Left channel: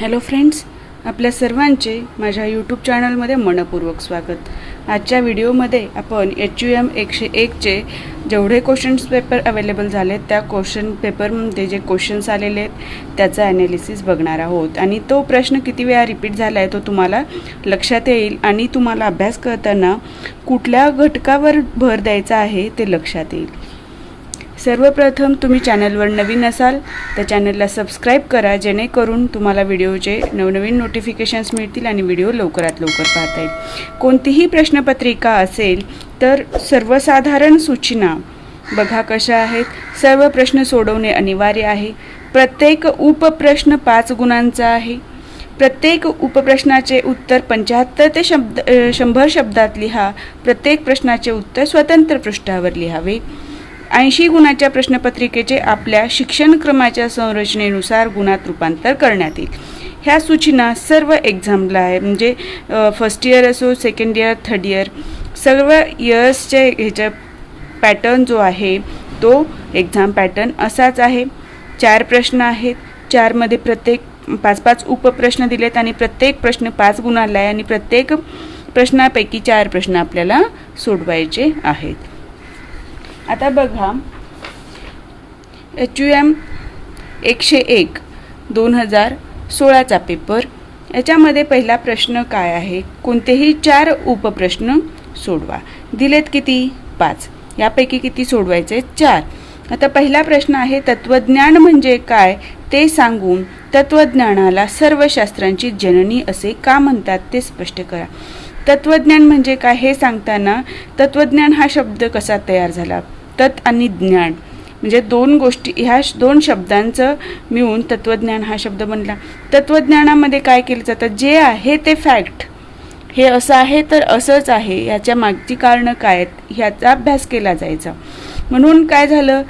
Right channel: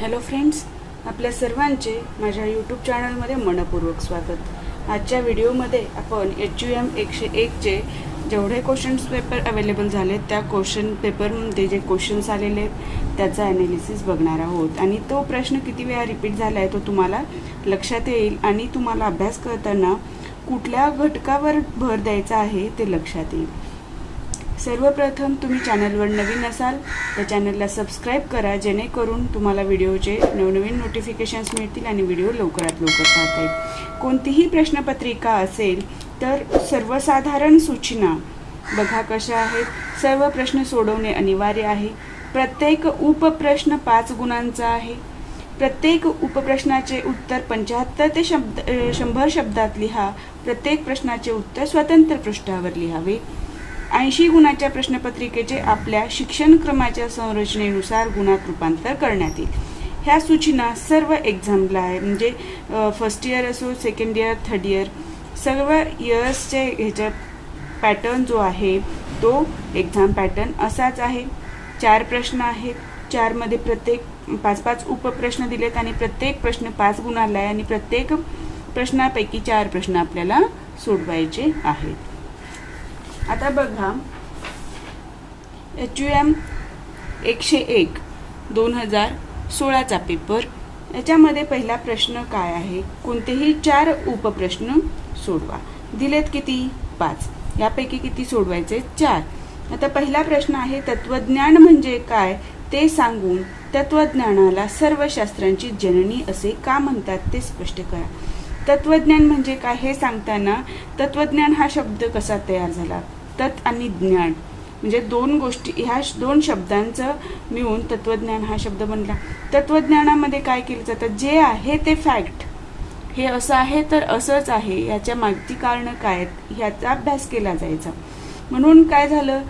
Hello friends, आपल्या सर्वांचे माझ्या यूट्यूब चॅनलमध्ये मनपूर्वक स्वागत। आजच्या व्हिडिओमध्ये आपण HUM 101चे जेवढे क्वेश्चन्स पेपर अवेलेबल झाले त्या क्वेश्चन पेपरमध्ये जे क्वेश्चन्स आलेले आहेत त्याचा ॲनालिसिस बघणार आहोत आणि तो प्रश्न किती वेळा रिपीट झाला आहे तो तुम्हाला लक्षात येईल आणि तुम्हाला अभ्यास करताना कुठल्या घटकावर भर द्यायचा आहे ते लक्षात येईल। सर्वप्रथम तुम्ही चॅनलवर नवीन असाल तर चॅनलला सबस्क्राईब करा, जेणेकरून तुम्हाला व्हिडिओचे नवनवीन नोटिफिकेशन्स मिळतील आणि व्हिडिओ लवकरात लवकर पाहता येईल। कोणतीही प्रश्नपत्रिका असेल तर सर्वसाधारण सूचना बघा कशा आहेत। सर्व प्रश्न सोडवणे अनिवार्य आहे। प्रत्येक उपप्रश्न 5 गुणांचा आहे। प्रत्येक उपप्रश्नाचे उत्तर 75 ते 100 शब्दात लिहा। प्रत्येक प्रश्नाचे उत्तर स्वतंत्र पृष्ठावर लिहावे। 80 गुणाच्या प्रश्नपत्रिकेचे आपल्या शिक्षणक्रमाच्या संरचनेनुसार गुणात रूपांतर करण्यात येईल। ह्या सूचना सर्व एक्झामला आहे, म्हणजे फर्स्ट इयर असो, सेकंड इयर, थर्ड इयर, सर्व इयर्सचे ह्याचा पॅटर्न जो आहे तो एक्झाम पॅटर्न असाच आहे। 4 प्रश्न आहेत, 4 मध्ये प्रत्येक 5-5 उपप्रश्न दिलेत आणि प्रत्येक प्रश्न 5 गुणाला आहे आणि प्रत्येक प्रश्नापैकी 4 प्रश्न आपल्याला सोडवायचे आहेत। आता बघा, HUM 101 2016चा पेपर, याच्यामध्ये पहिला प्रश्न काय आहे, कोणतेही 4 उपप्रश्न सोडवा। दिलेत किती? 5, यापैकी किती सोडवायचे? 4। आता पहिला प्रश्न आहे, तत्वज्ञान म्हणजे काय ते सांगून तत्वज्ञानाला सर्व शास्त्रांची जननी असे का म्हणतात ते स्पष्ट करा। तत्वज्ञान म्हणजे काय हे सांगताना तत्वज्ञान हा शब्द कसा तयार झाला, तत् आणि ज्ञान म्हणजे 2 गोष्टी, ह्या 2 शब्दांचं मिळून तत्वज्ञान हा शब्द बनला। तत्वज्ञानामध्ये काय केलं जातं, जे आहे ते फॅक्ट, हे असं आहे तर असंच आहे, याच्या मागची कारणं काय आहेत ह्याचा अभ्यास केला जायचा। म्हणून काय झालं,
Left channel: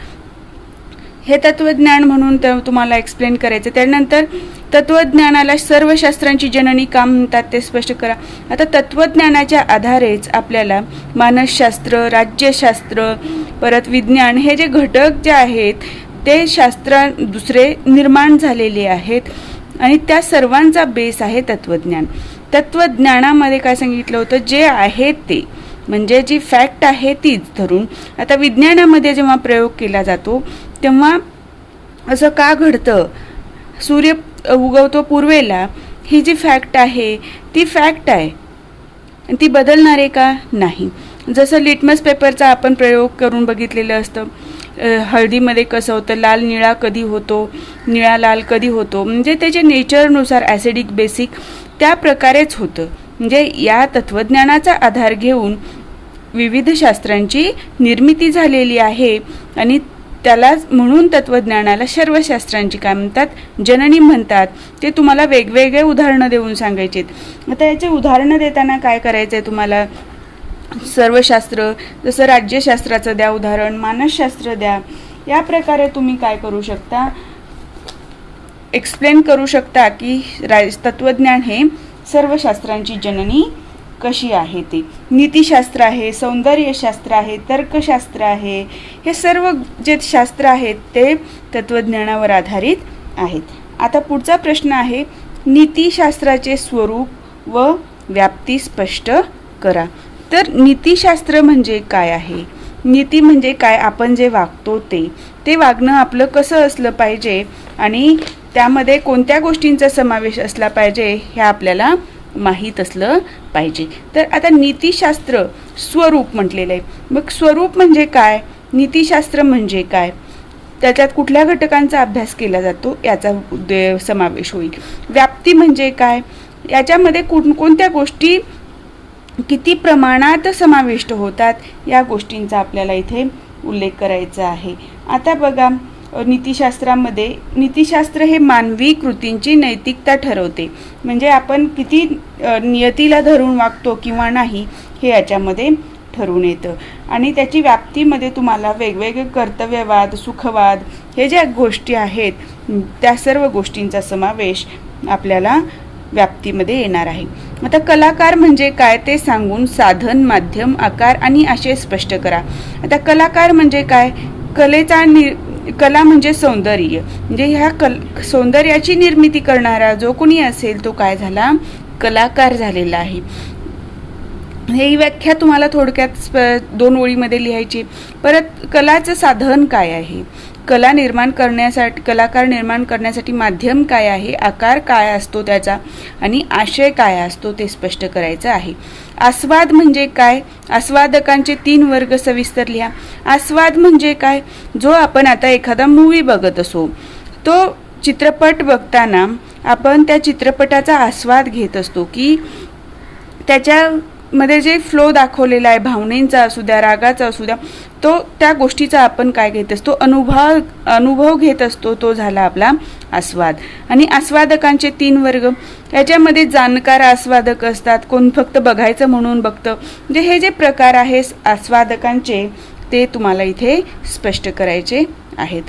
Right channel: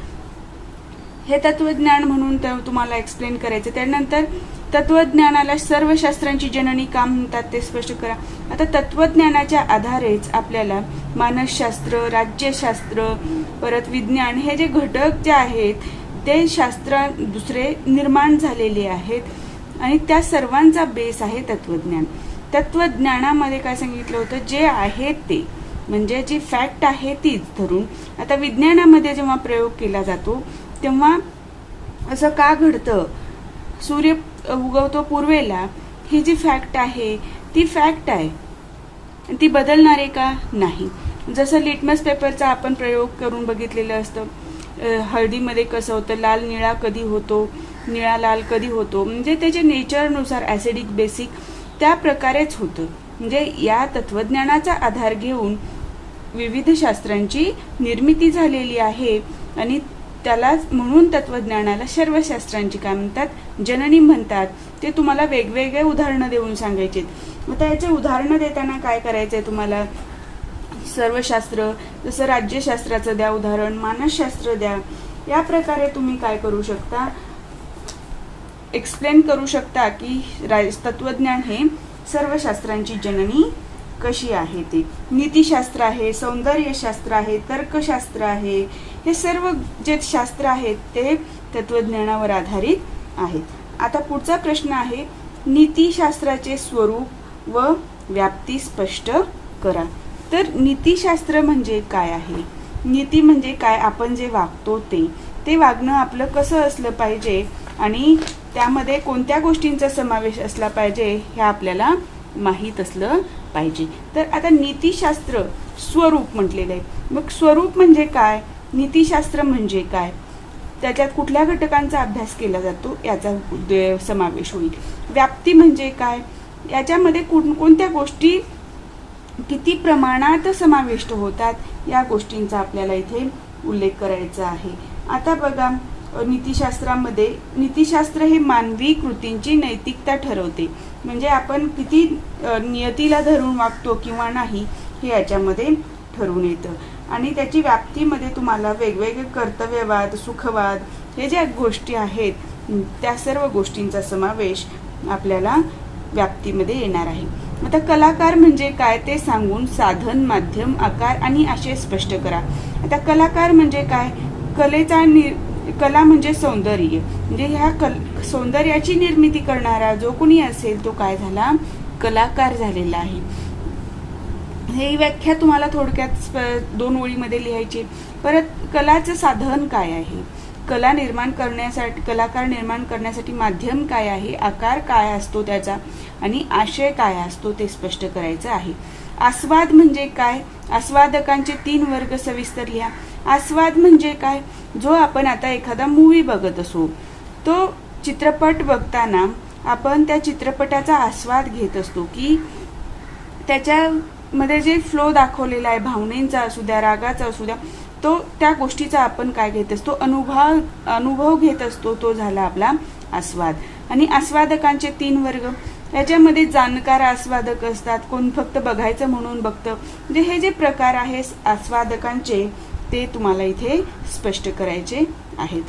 हे तत्वज्ञान म्हणून तुम्हाला एक्सप्लेन करायचं। त्यानंतर तत्वज्ञानाला सर्व शास्त्रांची जननी का म्हणतात ते स्पष्ट करा। आता तत्वज्ञानाच्या आधारेच आपल्याला मानसशास्त्र, राज्यशास्त्र, परत विज्ञान हे जे घटक जे आहेत ते शास्त्र दुसरे निर्माण झालेले आहेत आणि त्या सर्वांचा बेस आहे तत्वज्ञान। तत्वज्ञानामध्ये काय सांगितलं होतं, जे आहे ते म्हणजे जी फॅक्ट आहे तीच धरून। आता विज्ञानामध्ये जेव्हा प्रयोग केला जातो तेव्हा असं का घडतं, सूर्य उगवतो पूर्वेला, ही जी फॅक्ट आहे ती फॅक्ट आहे, ती बदलणार आहे का? नाही। जसं लिटमस पेपरचा आपण प्रयोग करून बघितलेलं असतं, हळदीमध्ये कसं होतं, लाल निळा कधी होतो, निळा लाल कधी होतो, म्हणजे त्याच्या नेचरनुसार ॲसिडिक बेसिक त्या प्रकारेच होतं। म्हणजे या तत्वज्ञानाचा आधार घेऊन विविध शास्त्रांची निर्मिती झालेली आहे आणि त्याला म्हणून तत्वज्ञानाला सर्व शास्त्रांची काय म्हणतात, जननी म्हणतात। ते तुम्हाला वेगवेगळे उदाहरणं देऊन सांगायचे। आता याचे उदाहरणं देताना काय करायचं आहे तुम्हाला, सर्व शास्त्र, जसं राज्यशास्त्राचं द्या उदाहरण, मानसशास्त्र द्या, या प्रकारे तुम्ही काय करू शकता, एक्सप्लेन करू शकता की तत्वज्ञान हे सर्व शास्त्रांची जननी कशी आहे ती। नीतिशास्त्र आहे, सौंदर्यशास्त्र आहे, तर्कशास्त्र आहे, हे सर्व जे शास्त्र आहेत ते तत्वज्ञानावर आधारित आहेत। आता पुढचा प्रश्न आहे, नीतिशास्त्राचे स्वरूप व व्याप्ती स्पष्ट करा। तर नीतिशास्त्र म्हणजे काय आहे, नीती म्हणजे काय, आपण जे वागतो ते वागणं आपलं कसं असलं पाहिजे आणि त्यामध्ये कोणत्या गोष्टींचा समावेश असला पाहिजे हे आपल्याला माहीत असलं पाहिजे। तर आता नीतिशास्त्र स्वरूप म्हटलेलं आहे, मग स्वरूप म्हणजे काय, नीतिशास्त्र म्हणजे काय, त्याच्यात कुठल्या घटकांचा अभ्यास केला जातो याचा समावेश होईल। व्याप्ती म्हणजे काय, याच्यामध्ये कोणत्या गोष्टी किती प्रमाणात समाविष्ट होतात या गोष्टींचा आपल्याला इथे उल्लेख करायचा आहे। आता बघा, नीतिशास्त्रामध्ये नीतिशास्त्र हे मानवी कृतींची नैतिकता ठरवते, म्हणजे आपण किती नियतीला धरून वागतो किंवा नाही हे याच्यामध्ये ठरवून येतं। आणि त्याची व्याप्तीमध्ये तुम्हाला वेगवेगळे कर्तव्यवाद, सुखवाद हे ज्या गोष्टी आहेत त्या सर्व गोष्टींचा समावेश आपल्याला व्याप्तीमध्ये येणार आहे। आता कलाकार म्हणजे काय ते सांगून साधन, माध्यम, आकार आणि आशय स्पष्ट करा। आता कलाकार म्हणजे काय, कलेचा कला म्हणजे सौंदर्य, म्हणजे ह्या सौंदर्याची निर्मिती करणारा जो कोणी असेल तो काय झाला, कलाकार झालेला आहे. ही व्याख्या तुम्हाला थोडक्यात 2 ओळीमध्ये लिहायची. परत कलाचं साधन काय आहे, कला निर्माण करण्यासाठी, कलाकार निर्माण करण्यासाठी माध्यम काय आहे, आकार काय असतो त्याचा, आणि आशय काय असतो ते स्पष्ट करायचं आहे. आस्वाद म्हणजे काय, आस्वादकांचे 3 वर्ग सविस्तर लिहा. आस्वाद म्हणजे काय, जो आपण आता एखादा मूवी बघत असो, तो चित्रपट बघताना आपण त्या चित्रपटाचा आस्वाद घेत असतो, की त्याच्यामध्ये जे फ्लो दाखवलेला आहे, भावनेचा असू द्या, रागाचा असू द्या, तो त्या गोष्टीचा आपण काय घेत असतो, अनुभव घेत असतो, तो झाला आपला आस्वाद. आणि आस्वादकांचे 3 वर्ग, याच्यामध्ये जाणकार आस्वादक असतात, कोण फक्त बघायचं म्हणून बघतं. म्हणजे हे जे प्रकार आहे आस्वादकांचे ते तुम्हाला इथे स्पष्ट करायचे आहेत.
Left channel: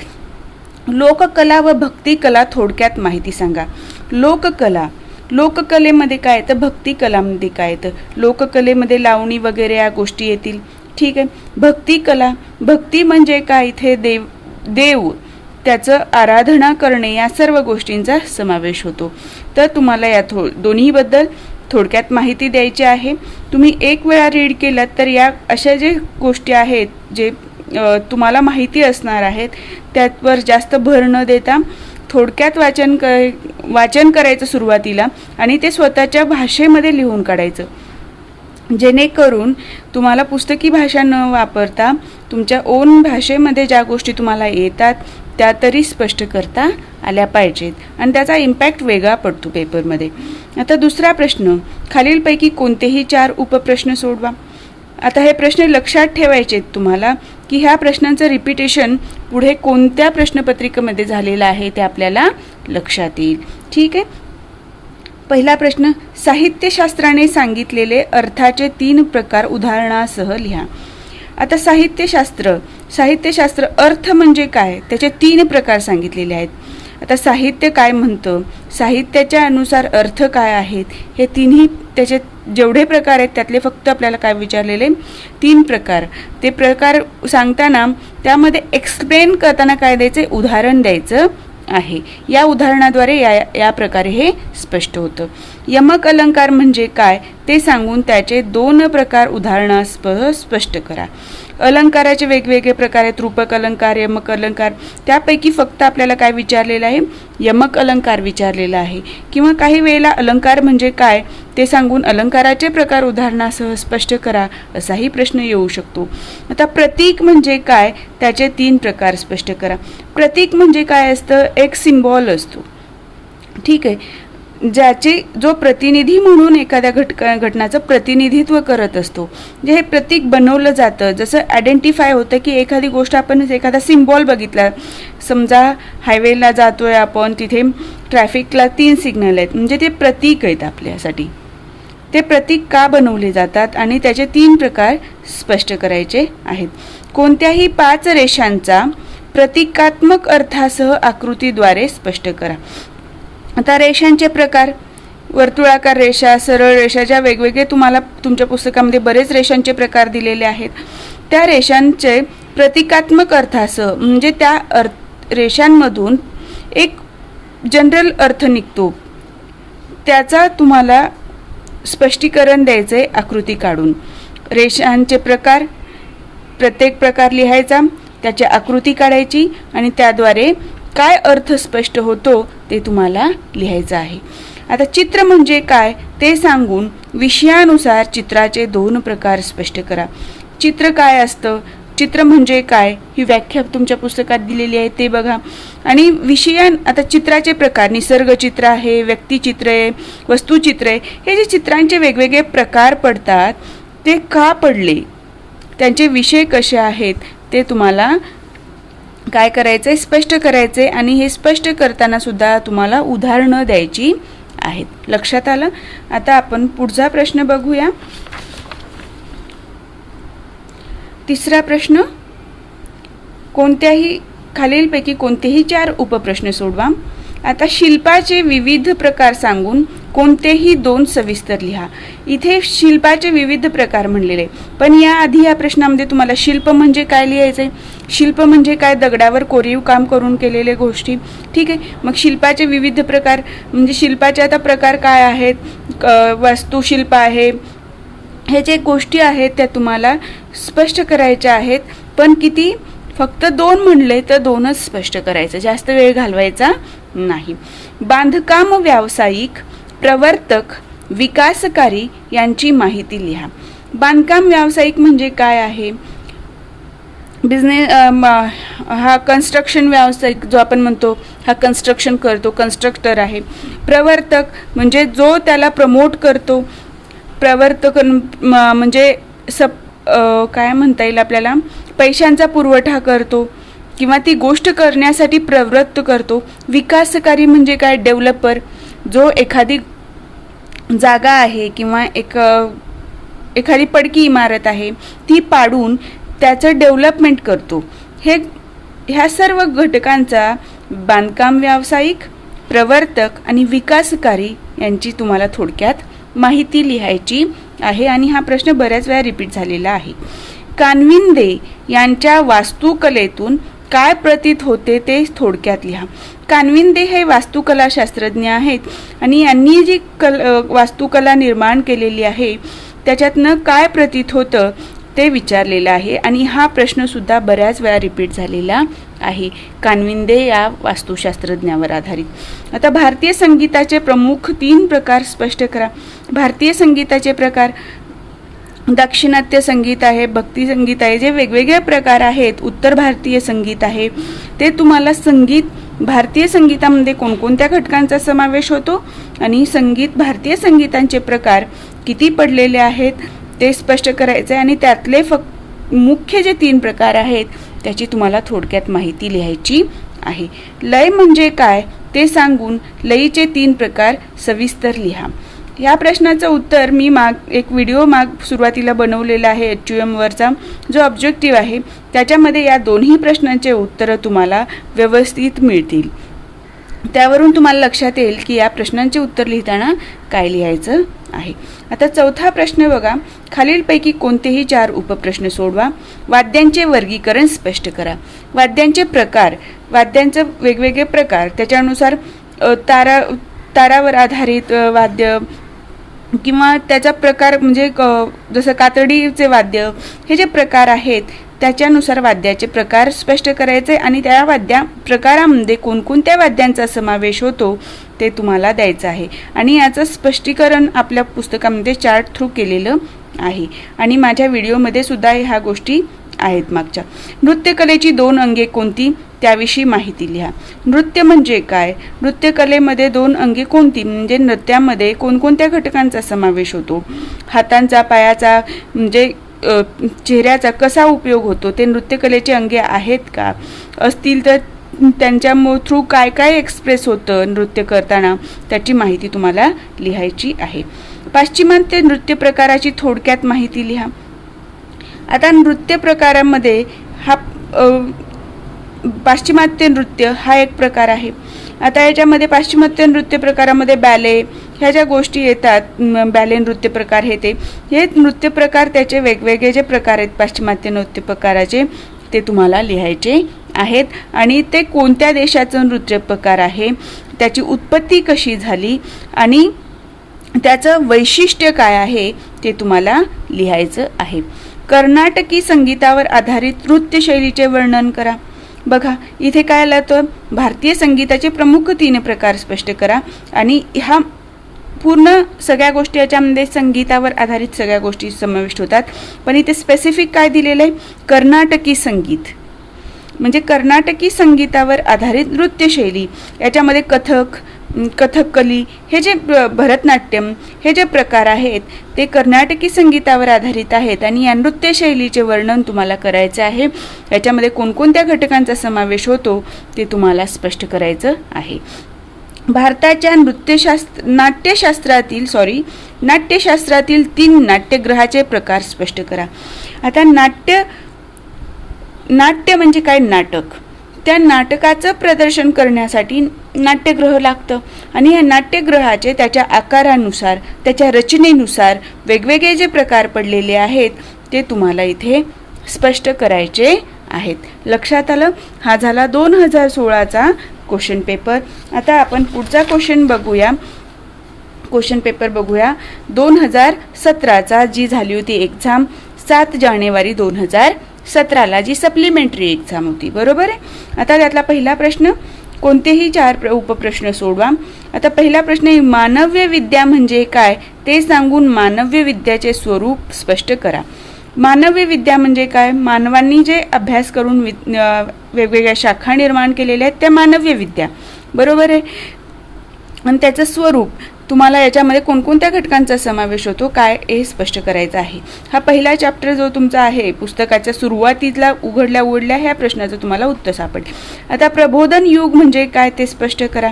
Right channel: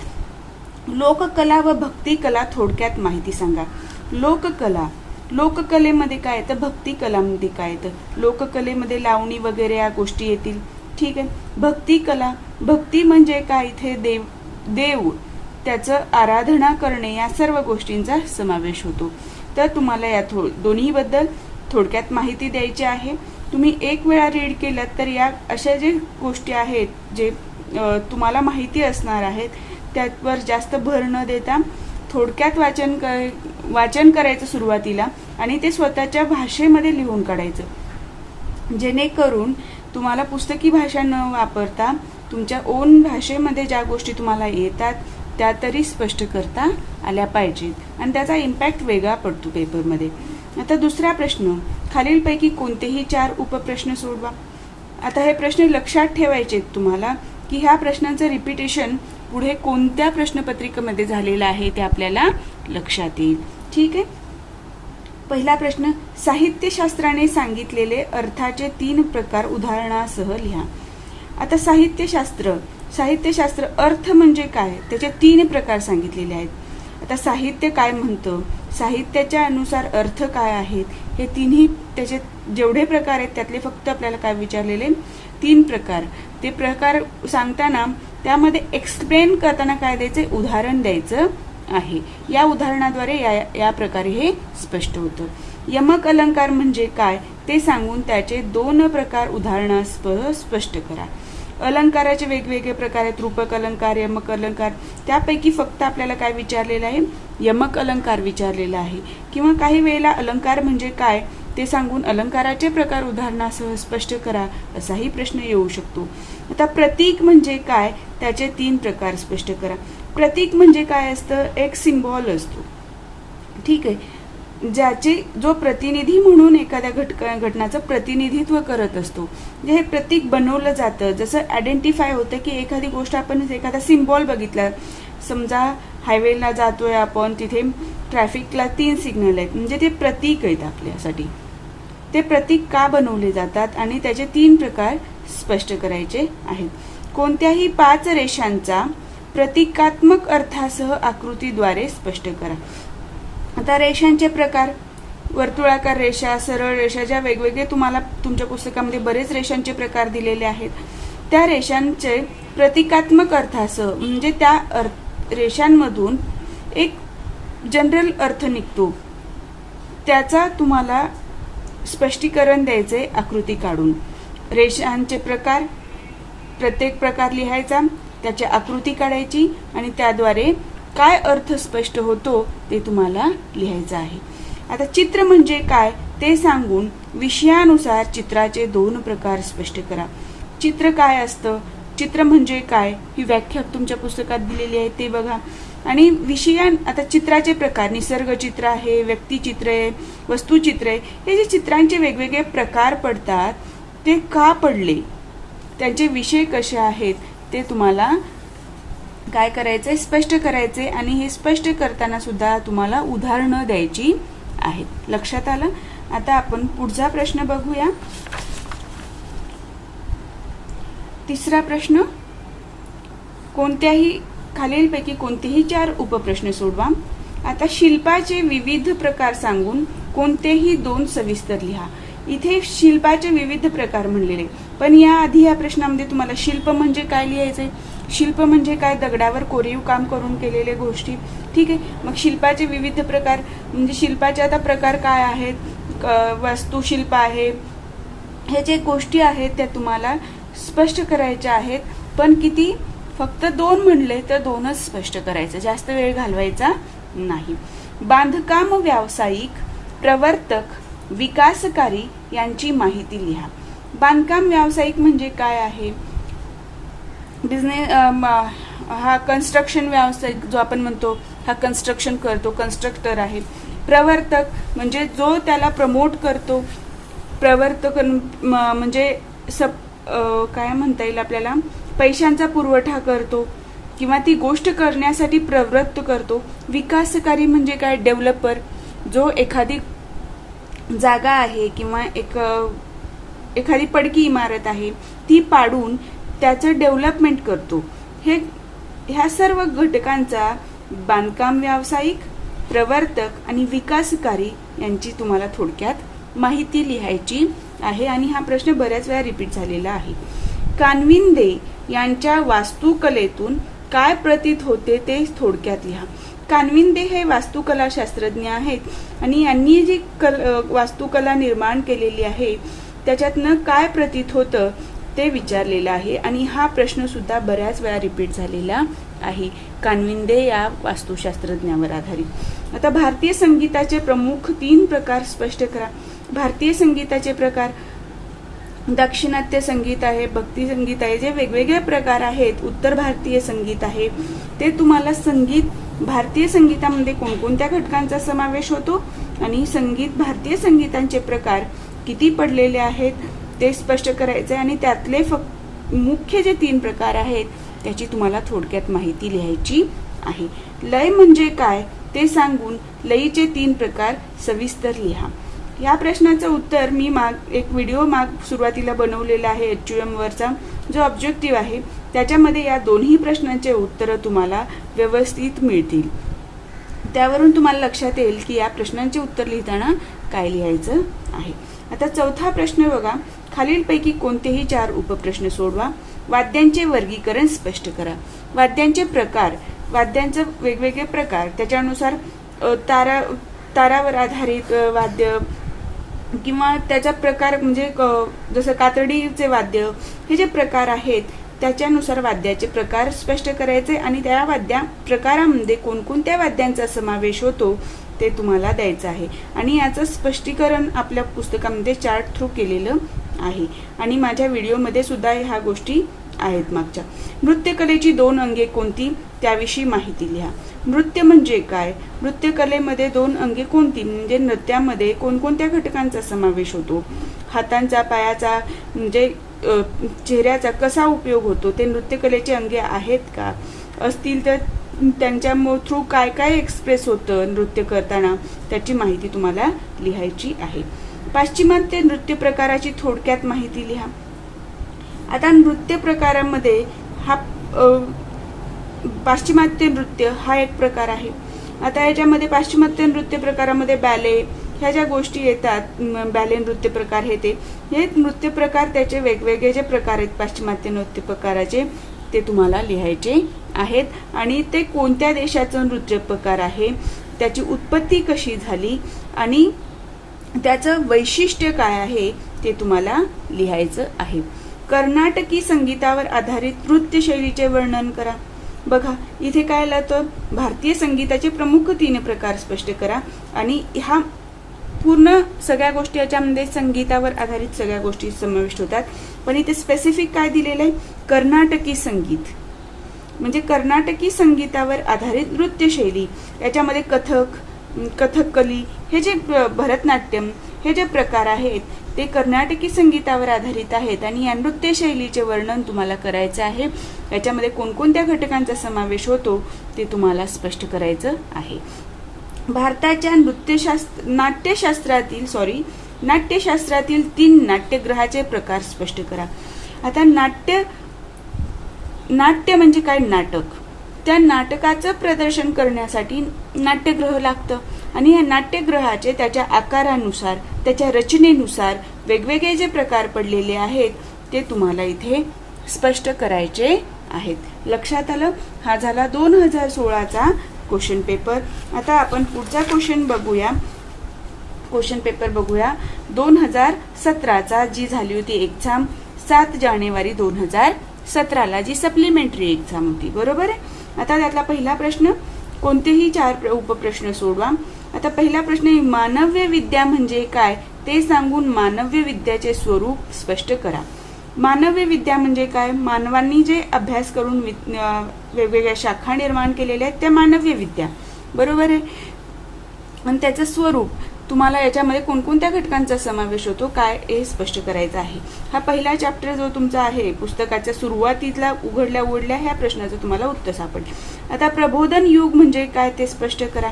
लोककला व भक्ती कला थोडक्यात माहिती सांगा. लोककलेमध्ये काय येतं, भक्ती कलामध्ये काय येतं. लोककलेमध्ये लावणी वगैरे या गोष्टी येतील. ठीक आहे. भक्ती कला, भक्ती म्हणजे काय, इथे देव त्याचं आराधना करणे या सर्व गोष्टींचा समावेश होतो. तर तुम्हाला या दोन्हीबद्दल थोडक्यात माहिती द्यायची आहे. तुम्ही एक वेळा रीड केलात तर या अशा जे गोष्टी आहेत जे तुम्हाला माहिती असणार आहेत त्यावर जास्त भर न देता थोडक्यात वाचन करायचं सुरुवातीला, आणि ते स्वतःच्या भाषेमध्ये लिहून काढायचं, जेणेकरून तुम्हाला पुस्तकी भाषा न वापरता तुमच्या ओन भाषेमध्ये ज्या गोष्टी तुम्हाला येतात त्या तरी स्पष्ट करता आल्या पाहिजेत, आणि त्याचा इम्पॅक्ट वेगळा पडतो पेपरमध्ये. आता दुसरा प्रश्न, खालीलपैकी कोणतेही 4 उपप्रश्न सोडवा. आता हे प्रश्न लक्षात ठेवायचे तुम्हाला, की ह्या प्रश्नांचं रिपिटेशन पुढे कोणत्या प्रश्नपत्रिकेमध्ये झालेलं आहे ते आपल्याला लक्षात येईल. ठीक आहे. पहिला प्रश्न, साहित्यशास्त्राने सांगितलेले अर्थाचे 3 प्रकार उदाहरणासह लिहा. आता साहित्यशास्त्र अर्थ म्हणजे काय, त्याचे 3 प्रकार सांगितलेले आहेत. आता साहित्य काय म्हणतं, साहित्याच्या अनुसार अर्थ काय आहेत, हे तिन्ही त्याचे जेवढे प्रकार आहेत त्यातले फक्त आपल्याला काय विचारलेले 3 प्रकार. ते प्रकार सांगताना त्यामध्ये एक्सप्लेन करताना काय द्यायचे, उदाहरण द्यायचं आहे. या उदाहरणाद्वारे या प्रकारे हे स्पष्ट होतं. यमक अलंकार म्हणजे काय ते सांगून त्याचे 2 प्रकार उदाहरणासह स्पष्ट करा. अलंकाराचे वेगवेगळे प्रकार आहेत, रूपक अलंकार, यमक अलंकार. त्यापैकी फक्त आपल्याला काय विचारलेलं आहे, यमक अलंकार विचारलेला आहे. किंवा काही वेळेला अलंकार म्हणजे काय ते सांगून अलंकाराचे प्रकार उदाहरणासह स्पष्ट करा असाही प्रश्न येऊ शकतो. आता प्रतीक म्हणजे काय, त्याचे 3 प्रकार स्पष्ट करा. प्रतीक म्हणजे काय असतं, एक सिम्बॉल असतो. ठीक आहे. जो प्रतिनिधी म्हणून एखाद्या घटनाचं प्रतिनिधित्व करत असतो, जे हे प्रतीक बनवलं जातं. जसं आयडेंटिफाय होतं की एखादी गोष्ट आपण एखादा सिम्बॉल बघितला, समजा हायवेला जातोय आपण, तिथे ट्रॅफिकला 3 सिग्नल आहेत, म्हणजे ते प्रतीक आहेत आपल्यासाठी. ते प्रतीक का बनवले जातात आणि त्याचे 3 प्रकार स्पष्ट करायचे आहेत. कोणत्याही 5 रेषांचा प्रतिकात्मक अर्थासह आकृतीद्वारे स्पष्ट करा. आता रेषांचे प्रकार, वर्तुळाकार रेषा, सरळ रेषा, ज्या वेगवेगळे तुम्हाला तुमच्या पुस्तकामध्ये बरेच रेषांचे प्रकार दिलेले आहेत, त्या रेषांचे प्रतिकात्मक अर्थासह म्हणजे त्या रेषांमधून एक जनरल अर्थ निघतो, त्याचा तुम्हाला स्पष्टीकरण द्यायचे आकृती काढून. रेषांचे प्रकार, प्रत्येक प्रकार लिहायचा, त्याची आकृती काढायची आणि त्याद्वारे काय अर्थ स्पष्ट होतो ते तुम्हाला लिहायचं आहे. आता चित्र म्हणजे काय ते सांगून विषयानुसार चित्राचे 2 प्रकार स्पष्ट करा. चित्र काय असतं, चित्र म्हणजे काय ही व्याख्या तुमच्या पुस्तकात दिलेली आहे ते बघा. आणि आता चित्राचे प्रकार, निसर्गचित्र आहे, व्यक्तिचित्र आहे, वस्तुचित्र आहे, हे जे चित्रांचे वेगवेगळे प्रकार पडतात ते का पडले, त्यांचे विषय कसे आहेत ते तुम्हाला काय करायचंय, स्पष्ट करायचंय. आणि हे स्पष्ट करताना सुद्धा तुम्हाला उदाहरणं द्यायची आहेत. लक्षात आलं. आता आपण पुढचा प्रश्न बघूया. तिसरा प्रश्न, खालीलपैकी कोणतेही 4 उपप्रश्न सोडवा. आता शिल्पाचे विविध प्रकार सांगून कोणतेही दोन सविस्तर लिहा. इथे शिल्पाचे विविध प्रकार म्हणलेले, पण याआधी या प्रश्नामध्ये तुम्हाला शिल्प म्हणजे काय लिहायचंय. शिल्प म्हणजे काय, दगडावर कोरीव काम करून केलेले गोष्टी. ठीक आहे, मग शिल्पाचे विविध प्रकार म्हणजे शिल्पाचे आता प्रकार काय आहेत, वास्तुशिल्प आहे, हे जे गोष्टी आहेत त्या तुम्हाला स्पष्ट करायच्या आहेत. पण किती, फक्त दोन म्हणले तर दोनच स्पष्ट करायचं, जास्त वेळ घालवायचा नाही. बांधकाम व्यावसायिक, प्रवर्तक, विकासकारी यांची माहिती लिहा. बांधकाम व्यावसायिक म्हणजे काय आहे, बिझनेस, हा कन्स्ट्रक्शन व्यावसायिक जो आपण म्हणतो, हा कन्स्ट्रक्शन करतो, कन्स्ट्रक्टर आहे. प्रवर्तक म्हणजे जो त्याला प्रमोट करतो. प्रवर्तक म्हणजे काय म्हणता येईल आपल्याला, पैशांचा पुरवठा करतो किंवा ती गोष्ट करण्यासाठी प्रवृत्त करतो. विकासकारी म्हणजे काय, डेव्हलपर, जो एखादी जागा आहे किंवा एखादी पडकी इमारत आहे ती पाडून त्याचं डेव्हलपमेंट करतो. ह्या सर्व घटकांचा बांधकाम व्यावसायिक, प्रवर्तक आणि विकासकारी यांची तुम्हाला थोडक्यात माहिती लिहायची आहे. आणि हा प्रश्न बऱ्याच वेळा रिपीट झालेला आहे. कानविंदे यांच्या वास्तुकलेतून काय प्रतीत होते ते थोडक्यात लिहा. कानविंदे हे वास्तुकला शास्त्रज्ञ आहेत आणि यांनी जी वास्तुकला निर्माण केलेली आहे त्याच्यातनं काय प्रतीत होतं ते विचारलेलं आहे. आणि हा प्रश्न सुद्धा बऱ्याच वेळा रिपीट झालेला आहे, कानविंदे या वास्तुशास्त्रज्ञावर आधारित. आता भारतीय संगीताचे प्रमुख 3 प्रकार स्पष्ट करा. भारतीय संगीताचे प्रकार, दाक्षिणात्य संगीत आहे, भक्ती संगीत आहे, जे वेगवेगळे प्रकार आहेत. उत्तर भारतीय संगीत आहे. ते तुम्हाला संगीत, भारतीय संगीतामध्ये कोणकोणत्या घटकांचा समावेश होतो आणि भारतीय संगीतांचे प्रकार किती पडलेले आहेत ते स्पष्ट करायचे. आणि त्यातले मुख्य जे 3 प्रकार आहेत त्याची तुम्हाला थोडक्यात माहिती लिहायची आहे. लय म्हणजे काय ते सांगून लयीचे 3 प्रकार सविस्तर लिहा. या प्रश्नाचं उत्तर मी एक व्हिडिओ सुरुवातीला बनवलेला आहे HUM वरचा, जो ऑब्जेक्टिव्ह आहे त्याच्यामध्ये या दोन्ही प्रश्नांचे उत्तरं तुम्हाला व्यवस्थित मिळतील. त्यावरून तुम्हाला लक्षात येईल की या प्रश्नांचे उत्तर लिहिताना काय लिहायचं आहे. आता चौथा प्रश्न बघा. खालीलपैकी कोणतेही 4 उपप्रश्न सोडवा. वाद्यांचे वर्गीकरण स्पष्ट करा. वाद्यांचे प्रकार, वाद्यांचे वेगवेगळे प्रकार, त्याच्यानुसार तारावर आधारित वाद्य किंवा त्याचा प्रकार म्हणजे जसं कातडीचे वाद्य, हे जे प्रकार आहेत त्याच्यानुसार वाद्याचे प्रकार स्पष्ट करायचे आणि त्या प्रकारामध्ये कोणकोणत्या वाद्यांचा समावेश होतो ते तुम्हाला द्यायचं आहे. आणि याचं स्पष्टीकरण आपल्या पुस्तकामध्ये चार्ट थ्रू केलेलं आहे आणि माझ्या व्हिडिओमध्ये सुद्धा ह्या गोष्टी आहेत मागच्या. नृत्यकलेची 2 अंगे कोणती त्याविषयी माहिती लिहा. नृत्य म्हणजे काय, नृत्यकलेमध्ये 2 अंगे कोणती, म्हणजे नृत्यामध्ये कोणकोणत्या घटकांचा समावेश होतो, हातांचा, पायाचा म्हणजे चेहऱ्याचा कसा उपयोग होतो, ते नृत्यकलेचे अंगे आहेत का, असतील तर त्यांच्या थ्रू काय काय एक्सप्रेस होतं नृत्य करताना त्याची माहिती तुम्हाला लिहायची आहे. पाश्चिमात्य नृत्य प्रकाराची थोडक्यात माहिती लिहा. आता नृत्य प्रकारामध्ये हा पाश्चिमात्य नृत्य हा एक प्रकार आहे. आता याच्यामध्ये पाश्चिमात्य नृत्य प्रकारामध्ये बॅले ह्या ज्या गोष्टी येतात, बॅले नृत्य प्रकार हे नृत्य प्रकार, त्याचे वेगवेगळे जे प्रकार आहेत पाश्चिमात्य नृत्य प्रकाराचे ते तुम्हाला लिहायचे आहेत. आणि ते कोणत्या देशाचं नृत्य प्रकार आहे, त्याची उत्पत्ती कशी झाली आणि त्याचं वैशिष्ट्य काय आहे ते तुम्हाला लिहायचं आहे. कर्नाटकी संगीतावर आधारित नृत्यशैलीचे वर्णन करा. बघा इथे काय आलं तर भारतीय संगीताचे प्रमुख 3 प्रकार स्पष्ट करा. आणि हा पूर्ण सगळ्या गोष्टी याच्यामध्ये संगीतावर आधारित सगळ्या गोष्टी समाविष्ट होतात. पण इथे स्पेसिफिक काय दिलेलं आहे, कर्नाटकी संगीत म्हणजे कर्नाटकी संगीतावर आधारित नृत्यशैली. याच्यामध्ये कथकली, हे जे भरतनाट्यम, हे जे प्रकार आहेत ते कर्नाटकी संगीतावर आधारित आहेत आणि या नृत्यशैलीचे वर्णन तुम्हाला करायचं आहे. याच्यामध्ये कोणकोणत्या घटकांचा समावेश होतो ते तुम्हाला स्पष्ट करायचं आहे. भारताच्या नाट्यशास्त्रातील 3 नाट्यगृहाचे प्रकार स्पष्ट करा. आता नाट्य म्हणजे काय, नाटक. त्या नाटकाचं प्रदर्शन करण्यासाठी नाट्यगृह लागतं आणि या नाट्यगृहाचे त्याच्या आकारानुसार, त्याच्या रचनेनुसार वेगवेगळे जे प्रकार पडलेले आहेत ते तुम्हाला इथे स्पष्ट करायचे आहेत. लक्षात आलं? हा झाला 2016चा क्वेश्चन पेपर. आता आपण पुढचा क्वेश्चन बघूया. क्वेश्चन पेपर बघूया 2017चा, जी झाली होती एक्झाम 7 जानेवारी 2017ला, जी सप्लिमेंटरी एक्झाम होती. बरोबर आहे. आता त्यातला पहिला प्रश्न, कोणतेही 4 उपप्रश्न सोडवा. आता पहिला प्रश्न आहे, मानव्य विद्या म्हणजे काय ते सांगून मानव्य विद्याचे स्वरूप स्पष्ट करा. मानवी विद्या म्हणजे काय? मानवांनी जे अभ्यास करून वेगवेगळ्या शाखा निर्माण केलेल्या आहेत त्या मानवी विद्या. बरोबर आहे. आणि त्याचं स्वरूप, तुम्हाला याच्यामध्ये कोणकोणत्या घटकांचा समावेश होतो काय हे स्पष्ट करायचं आहे. हा पहिला चॅप्टर जो तुमचा आहे पुस्तकाच्या सुरुवातीला उघडल्या ह्या प्रश्नाचं तुम्हाला उत्तर सापडेल. आता प्रबोधन युग म्हणजे काय ते स्पष्ट करा.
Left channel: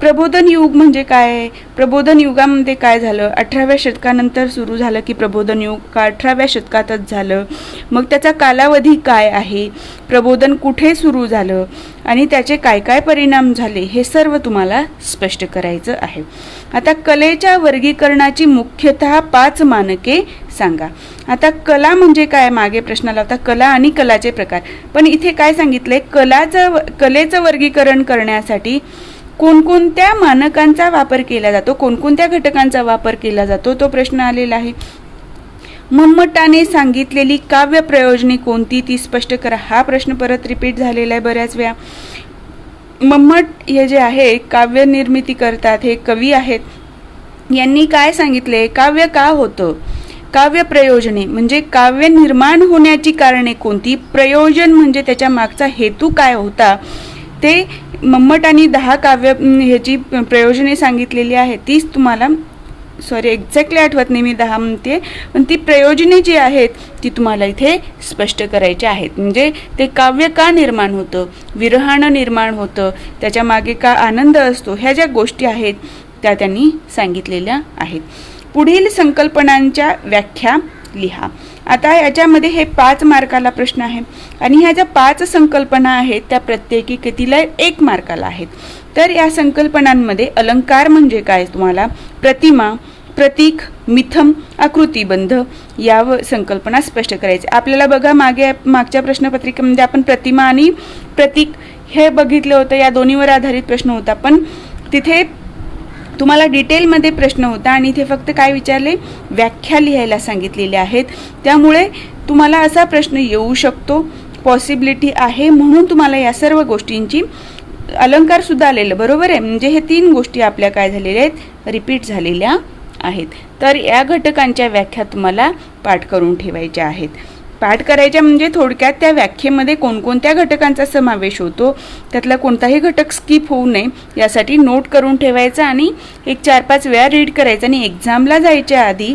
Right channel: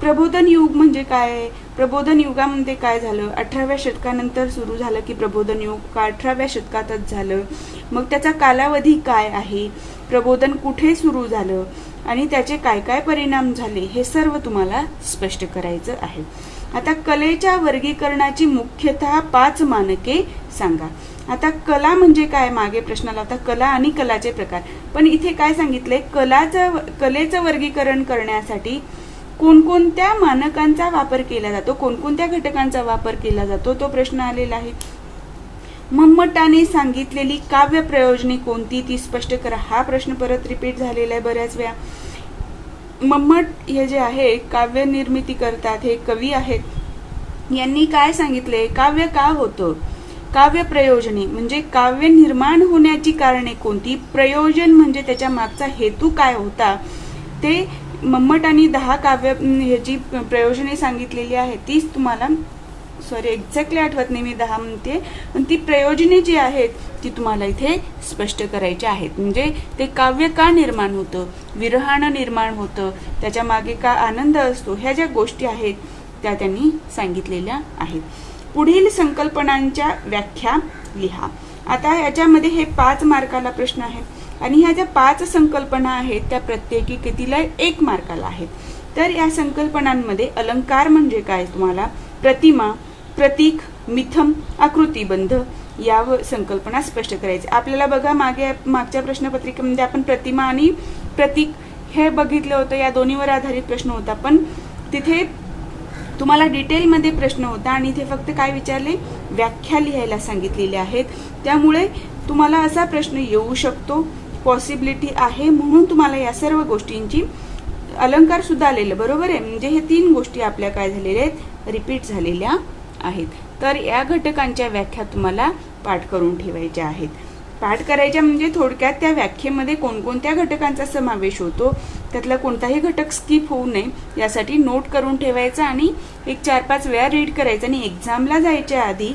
प्रबोधन युग म्हणजे काय? प्रबोधन युगामध्ये काय झालं? 18व्या शतकानंतर सुरू झालं की प्रबोधन युग का 18व्या शतकातच झालं? मग त्याचा कालावधी काय आहे? प्रबोधन कुठे सुरू झालं आणि त्याचे काय काय परिणाम झाले हे सर्व तुम्हाला स्पष्ट करायचं आहे. आता कलेच्या वर्गीकरणाची मुख्यतः 5 मानके सांगा. आता कला म्हणजे काय? मागे प्रश्नाला होता कला आणि कलाचे प्रकार, पण इथे काय सांगितलंय? कलेचं वर्गीकरण करण्यासाठी कोणकोणत्या मानकांचा वापर केला जातो, कोणकोणत्या घटकांचा वापर केला जातो तो प्रश्न आलेला आहे. मम्मटाने सांगितलेली काव्य प्रयोजने कोणती ती स्पष्ट करा. हा प्रश्न परत रिपीट झालेला आहे बऱ्याच वेळा. मम्मट हे जे आहे काव्य निर्मिती करतात, हे कवी आहेत, यांनी काय सांगितले? काव्य का होतं? काव्य प्रयोजने म्हणजे काव्य निर्माण होण्याची कारणे कोणती, प्रयोजन म्हणजे त्याच्या मागचा हेतू काय होता, ते मम्मटांनी 10 काव्य ह्याची प्रयोजने सांगितलेली आहेत. तीच तुम्हाला एक्झॅक्टली आठवत नाही मी 10 म्हणते, पण ती प्रयोजने जी आहेत ती तुम्हाला इथे स्पष्ट करायची आहेत. म्हणजे ते काव्य का निर्माण होतं, विरहानं निर्माण होतं, त्याच्या मागे का आनंद असतो, ह्या ज्या गोष्टी आहेत त्या त्यांनी सांगितलेल्या आहेत. पुढील संकल्पनांच्या व्याख्या लिहा. आता याच्यामध्ये हे 5 मार्काला प्रश्न आहे आणि ह्या ज्या 5 संकल्पना आहेत त्या प्रत्येकी कितीला 1 मार्काला आहेत. तर या संकल्पनांमध्ये अलंकार म्हणजे काय, तुम्हाला प्रतिमा, प्रतीक, मिथम, आकृतिबंध या संकल्पना स्पष्ट करायचे. आपल्याला बघा मागच्या प्रश्नपत्रिकेमध्ये आपण प्रतिमा आणि प्रतीक हे बघितलं होतं, या दोन्हीवर आधारित प्रश्न होता, पण तिथे तुम्हाला डिटेलमध्ये प्रश्न होता आणि इथे फक्त काय विचारले, व्याख्या लिहायला सांगितलेल्या आहेत. त्यामुळे तुम्हाला असा प्रश्न येऊ शकतो, पॉसिबिलिटी आहे, म्हणून तुम्हाला या सर्व गोष्टींची अलंकार सुद्धा आलेलं. बरोबर आहे. म्हणजे हे 3 गोष्टी आपल्या काय झालेल्या आहेत, रिपीट झालेल्या आहेत. तर या घटकांच्या व्याख्या तुम्हाला पाठ करून ठेवायच्या आहेत. पाठ करायच्या म्हणजे थोडक्यात त्या व्याख्येमध्ये कोणकोणत्या घटकांचा समावेश होतो, त्यातला कोणताही घटक स्किप होऊ नये यासाठी नोट करून ठेवायचं आणि एक 4-5 वेळा रीड करायचं आणि एक्झामला जायच्या आधी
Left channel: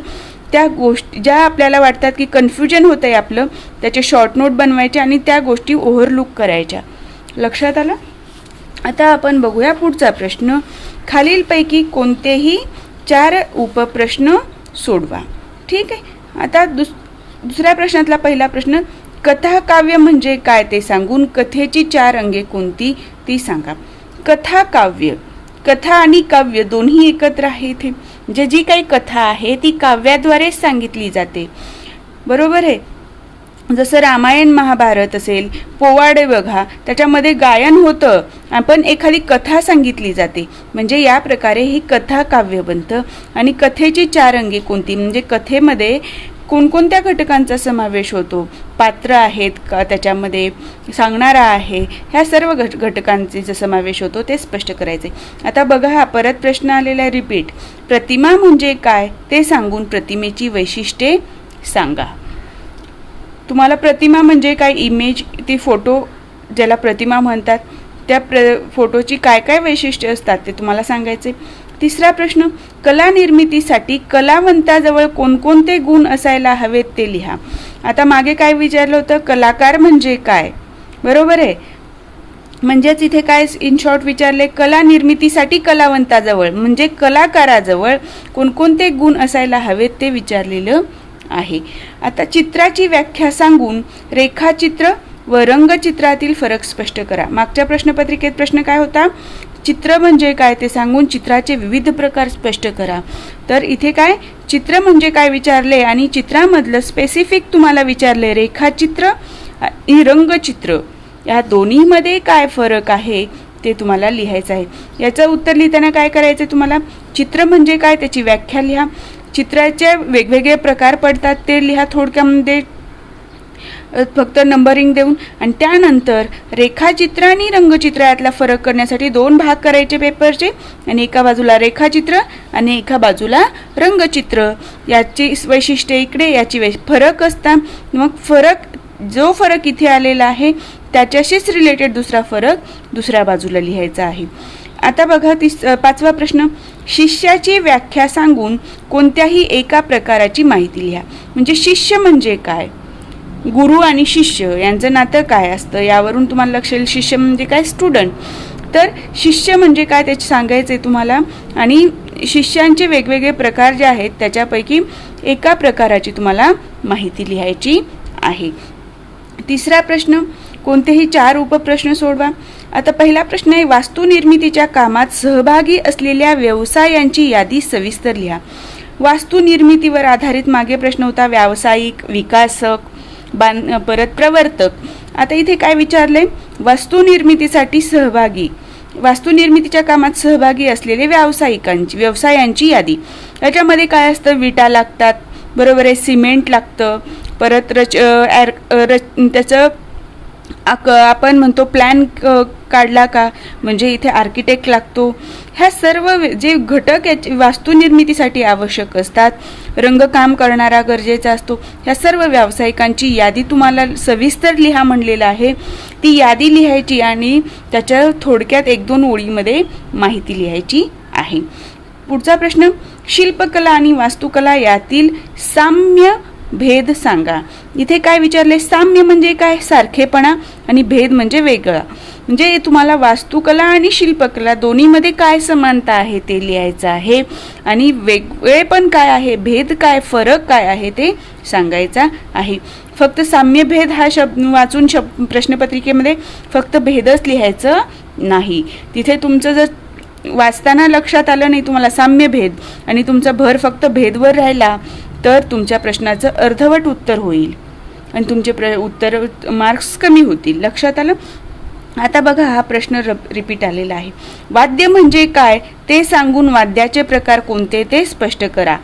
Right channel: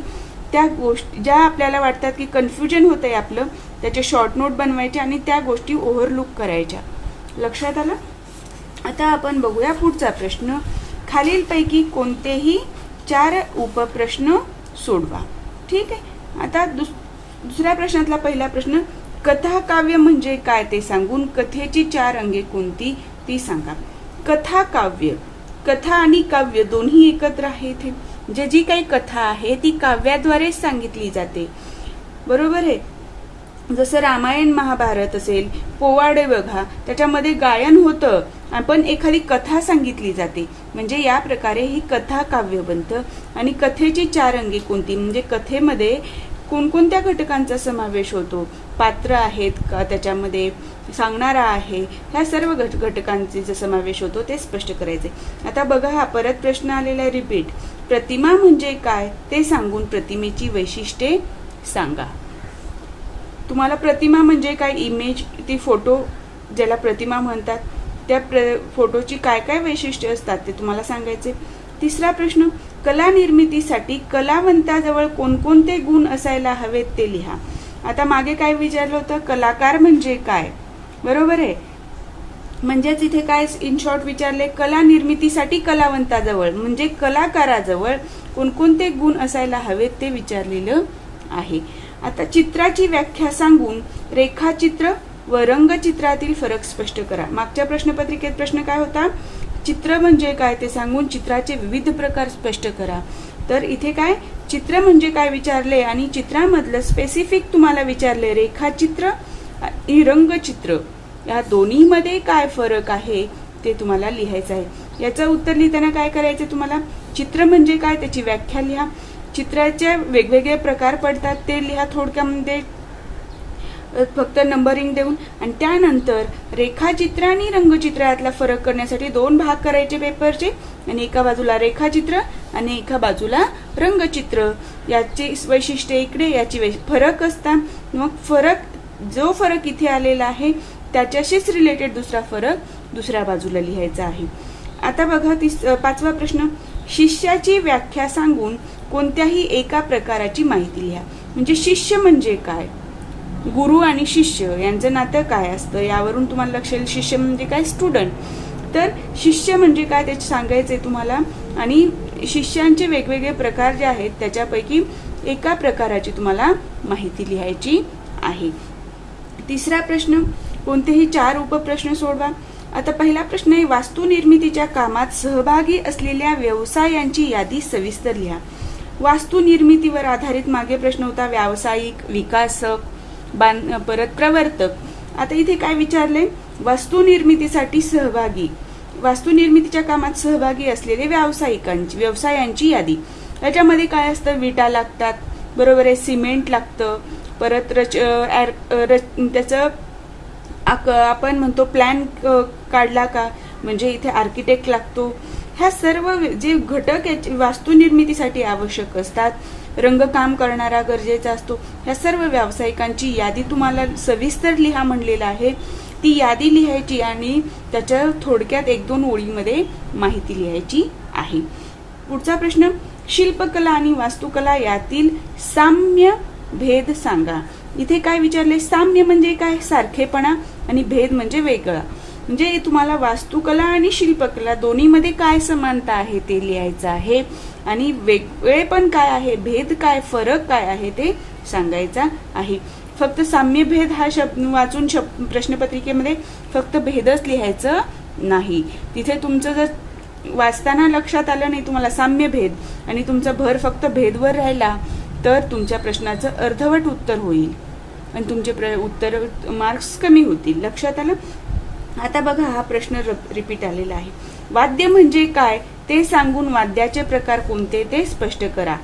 त्या गोष्टी ज्या आपल्याला वाटतात की कन्फ्युजन होतं आहे आपलं, त्याचे शॉर्ट नोट बनवायचे आणि त्या गोष्टी ओव्हरलुक करायच्या. लक्षात आलं? आता आपण बघूया पुढचा प्रश्न. खालीलपैकी कोणतेही 4 उपप्रश्न सोडवा. ठीक आहे. आता दुसऱ्या प्रश्नातला पहिला प्रश्न, कथा काव्य म्हणजे काय ते सांगून कथेची 4 अंगे कोणती ती सांगा. कथा काव्य, कथा आणि काव्य दोन्ही एकत्र आहे इथे. म्हणजे जी काही कथा आहे ती काव्याद्वारे सांगितली जाते. बरोबर आहे. जसं रामायण महाभारत असेल, पोवाडे बघा, त्याच्यामध्ये गायन होतं, आपण एखादी कथा सांगितली जाते, म्हणजे या प्रकारे ही कथा काव्य बनतं. आणि कथेची 4 अंगे कोणती, म्हणजे कथेमध्ये कोणकोणत्या घटकांचा समावेश होतो, पात्र आहेत का त्याच्यामध्ये, सांगणारा आहे, ह्या सर्व घटकांचे जे समावेश होतो ते स्पष्ट करायचे. आता बघा हा परत प्रश्न आलेला आहे रिपीट. प्रतिमा म्हणजे काय ते सांगून प्रतिमेची वैशिष्ट्ये सांगा. तुम्हाला प्रतिमा म्हणजे काय, इमेज, ती फोटो ज्याला प्रतिमा म्हणतात, त्या फोटोची काय काय वैशिष्ट्ये असतात ते तुम्हाला सांगायचे. तिसरा प्रश्न, कला निर्मितीसाठी कलावंताजवळ कोणकोणते गुण असायला हवेत ते लिहा. आता मागे काय विचारलं होतं, कलाकार म्हणजे काय. बरोबर आहे. म्हणजेच इथे काय इन शॉर्ट विचारले, कला निर्मितीसाठी कलावंताजवळ म्हणजे कलाकाराजवळ कोणकोणते गुण असायला हवेत ते विचारलेलं आहे. आता चित्राची व्याख्या सांगून रेखाचित्र व रंगचित्रातील फरक स्पष्ट करा. मागच्या प्रश्नपत्रिकेत प्रश्न काय होता? चित्र म्हणजे काय ते सांगून चित्राचे विविध प्रकार स्पष्ट करा. तर इथे काय चित्र म्हणजे काय विचारले आणि चित्रामधलं स्पेसिफिक तुम्हाला विचारले रेखाचित्र आणि रंगचित्र या दोन्हीमध्ये काय फरक आहे ते तुम्हाला लिहायचं आहे. याचं उत्तर लिहिताना काय करायचं तुम्हाला? चित्र म्हणजे काय त्याची व्याख्या लिहा. चित्राचे वेगवेगळे प्रकार पडतात ते लिहा थोडक्यामध्ये फक्त नंबरिंग देऊन. आणि त्यानंतर रेखाचित्र आणि रंगचित्र यातला फरक करण्यासाठी 2 भाग करायचे पेपरचे आणि एका बाजूला रेखाचित्र आणि एका बाजूला रंगचित्र. याची वैशिष्ट्ये इकडे याची फरक असतात. मग जो फरक इथे आलेला आहे त्याच्याशीच रिलेटेड दुसरा फरक दुसऱ्या बाजूला लिहायचा आहे. आता बघा 5वा प्रश्न. शिष्याची व्याख्या सांगून कोणत्याही एका प्रकाराची माहिती लिहा. म्हणजे शिष्य म्हणजे काय, गुरु आणि शिष्य यांचं नातं काय असतं यावरून तुम्हाला लक्ष येईल. शिष्य म्हणजे काय? स्टुडंट. तर शिष्य म्हणजे काय त्याचे सांगायचे तुम्हाला आणि शिष्यांचे वेगवेगळे प्रकार जे आहेत त्याच्यापैकी एका प्रकाराची तुम्हाला माहिती लिहायची आहे. 3रा प्रश्न. कोणतेही 4 उपप्रश्न सोडवा. आता पहिला प्रश्न आहे वास्तुनिर्मितीच्या कामात सहभागी असलेल्या व्यवसायांची यादी सविस्तर लिहा. वास्तुनिर्मितीवर आधारित मागे प्रश्न होता व्यावसायिक, विकासक, परत प्रवर्तक. आता इथे काय विचारलंय? वास्तुनिर्मितीसाठी सहभागी, वास्तुनिर्मितीच्या कामात सहभागी असलेले व्यवसायांची यादी. याच्यामध्ये काय असतं? विटा लागतात, बरोबर आहे, सिमेंट लागतं, परत त्याचं आपण म्हणतो प्लॅन काढला का म्हणजे इथे आर्किटेक्ट लागतो. ह्या सर्व जे घटक वास्तुनिर्मितीसाठी आवश्यक असतात, रंगकाम करणारा गरजेचा असतो, ह्या सर्व व्यावसायिकांची यादी तुम्हाला सविस्तर लिहा म्हणलेलं आहे. ती यादी लिहायची आणि त्याच्या थोडक्यात 1-2 ओळीमध्ये माहिती लिहायची आहे. पुढचा प्रश्न. शिल्पकला आणि वास्तुकला यातील साम्य भेद सांगा. इथे काय विचारले? साम्य म्हणजे काय? सारखेपणा आणि भेद म्हणजे वेगळा. म्हणजे तुम्हाला वास्तुकला आणि शिल्पकला दोन्हीमध्ये काय समानता आहे ते लिहायचं आहे आणि वेगळे पण काय आहे, भेद काय, फरक काय आहे ते सांगायचा आहे. फक्त साम्य भेद हा शब्द वाचून प्रश्नपत्रिकेमध्ये फक्त भेदच लिहायचं नाही. तिथे तुमचं जर वाचताना लक्षात आलं नाही तुम्हाला साम्य भेद आणि तुमचा भर फक्त भेदवर राहिला तर तुमच्या प्रश्नाचं अर्धवट उत्तर होईल आणि तुमचे उत्तर मार्क्स कमी होतील. लक्षात आलं? आता बघा हा प्रश्न रिपीट आलेला आहे. वाद्य म्हणजे काय ते सांगून वाद्याचे प्रकार कोणते ते स्पष्ट करा.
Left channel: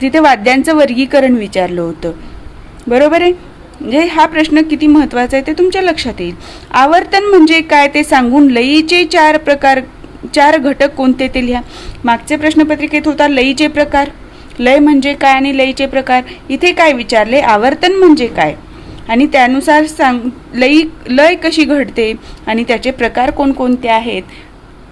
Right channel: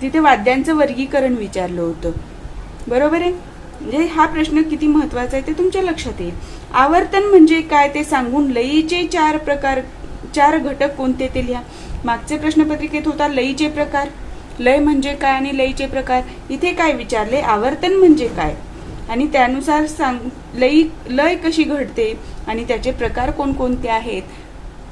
तिथे वाद्यांचं वर्गीकरण विचारलं होतं, बरोबर आहे. म्हणजे हा प्रश्न किती महत्वाचा आहे ते तुमच्या लक्षात येईल. आवर्तन म्हणजे काय ते सांगून लयीचे 4 घटक कोणते ते लिहा. मागच्या प्रश्नपत्रिकेत होता लयीचे प्रकार, लय म्हणजे काय आणि लयीचे प्रकार. इथे काय विचारले? आवर्तन म्हणजे काय आणि त्यानुसार लय कशी घडते आणि त्याचे प्रकार कोणकोणते आहेत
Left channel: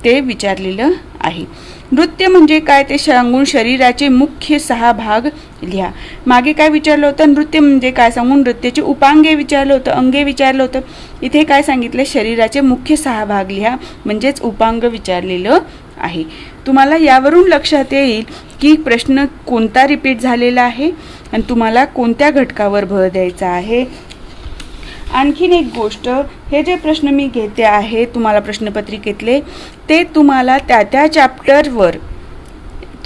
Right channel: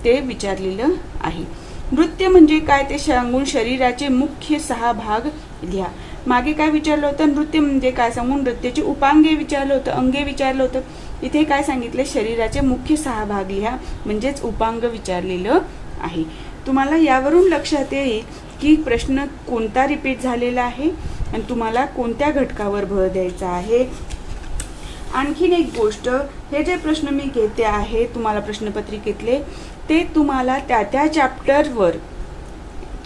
ते विचारलेलं आहे. नृत्य म्हणजे काय ते सांगून शरीराचे मुख्य 6 भाग लिहा. मागे काय विचारलं होतं? नृत्य म्हणजे काय सांगून नृत्याची उपांगे विचारलं होतं, अंगे विचारलं होतं. इथे काय सांगितलं? शरीराचे मुख्य 6 भाग लिहा म्हणजेच उपांग विचारलेलं आहे. तुम्हाला यावरून लक्षात येईल की प्रश्न कोणता रिपीट झालेला आहे आणि तुम्हाला कोणत्या घटकावर भर द्यायचा आहे. आणखीन एक गोष्ट, हे जे प्रश्न मी घेते आहे तुम्हाला प्रश्नपत्रिकेतले ते तुम्हाला त्या चॅप्टरवर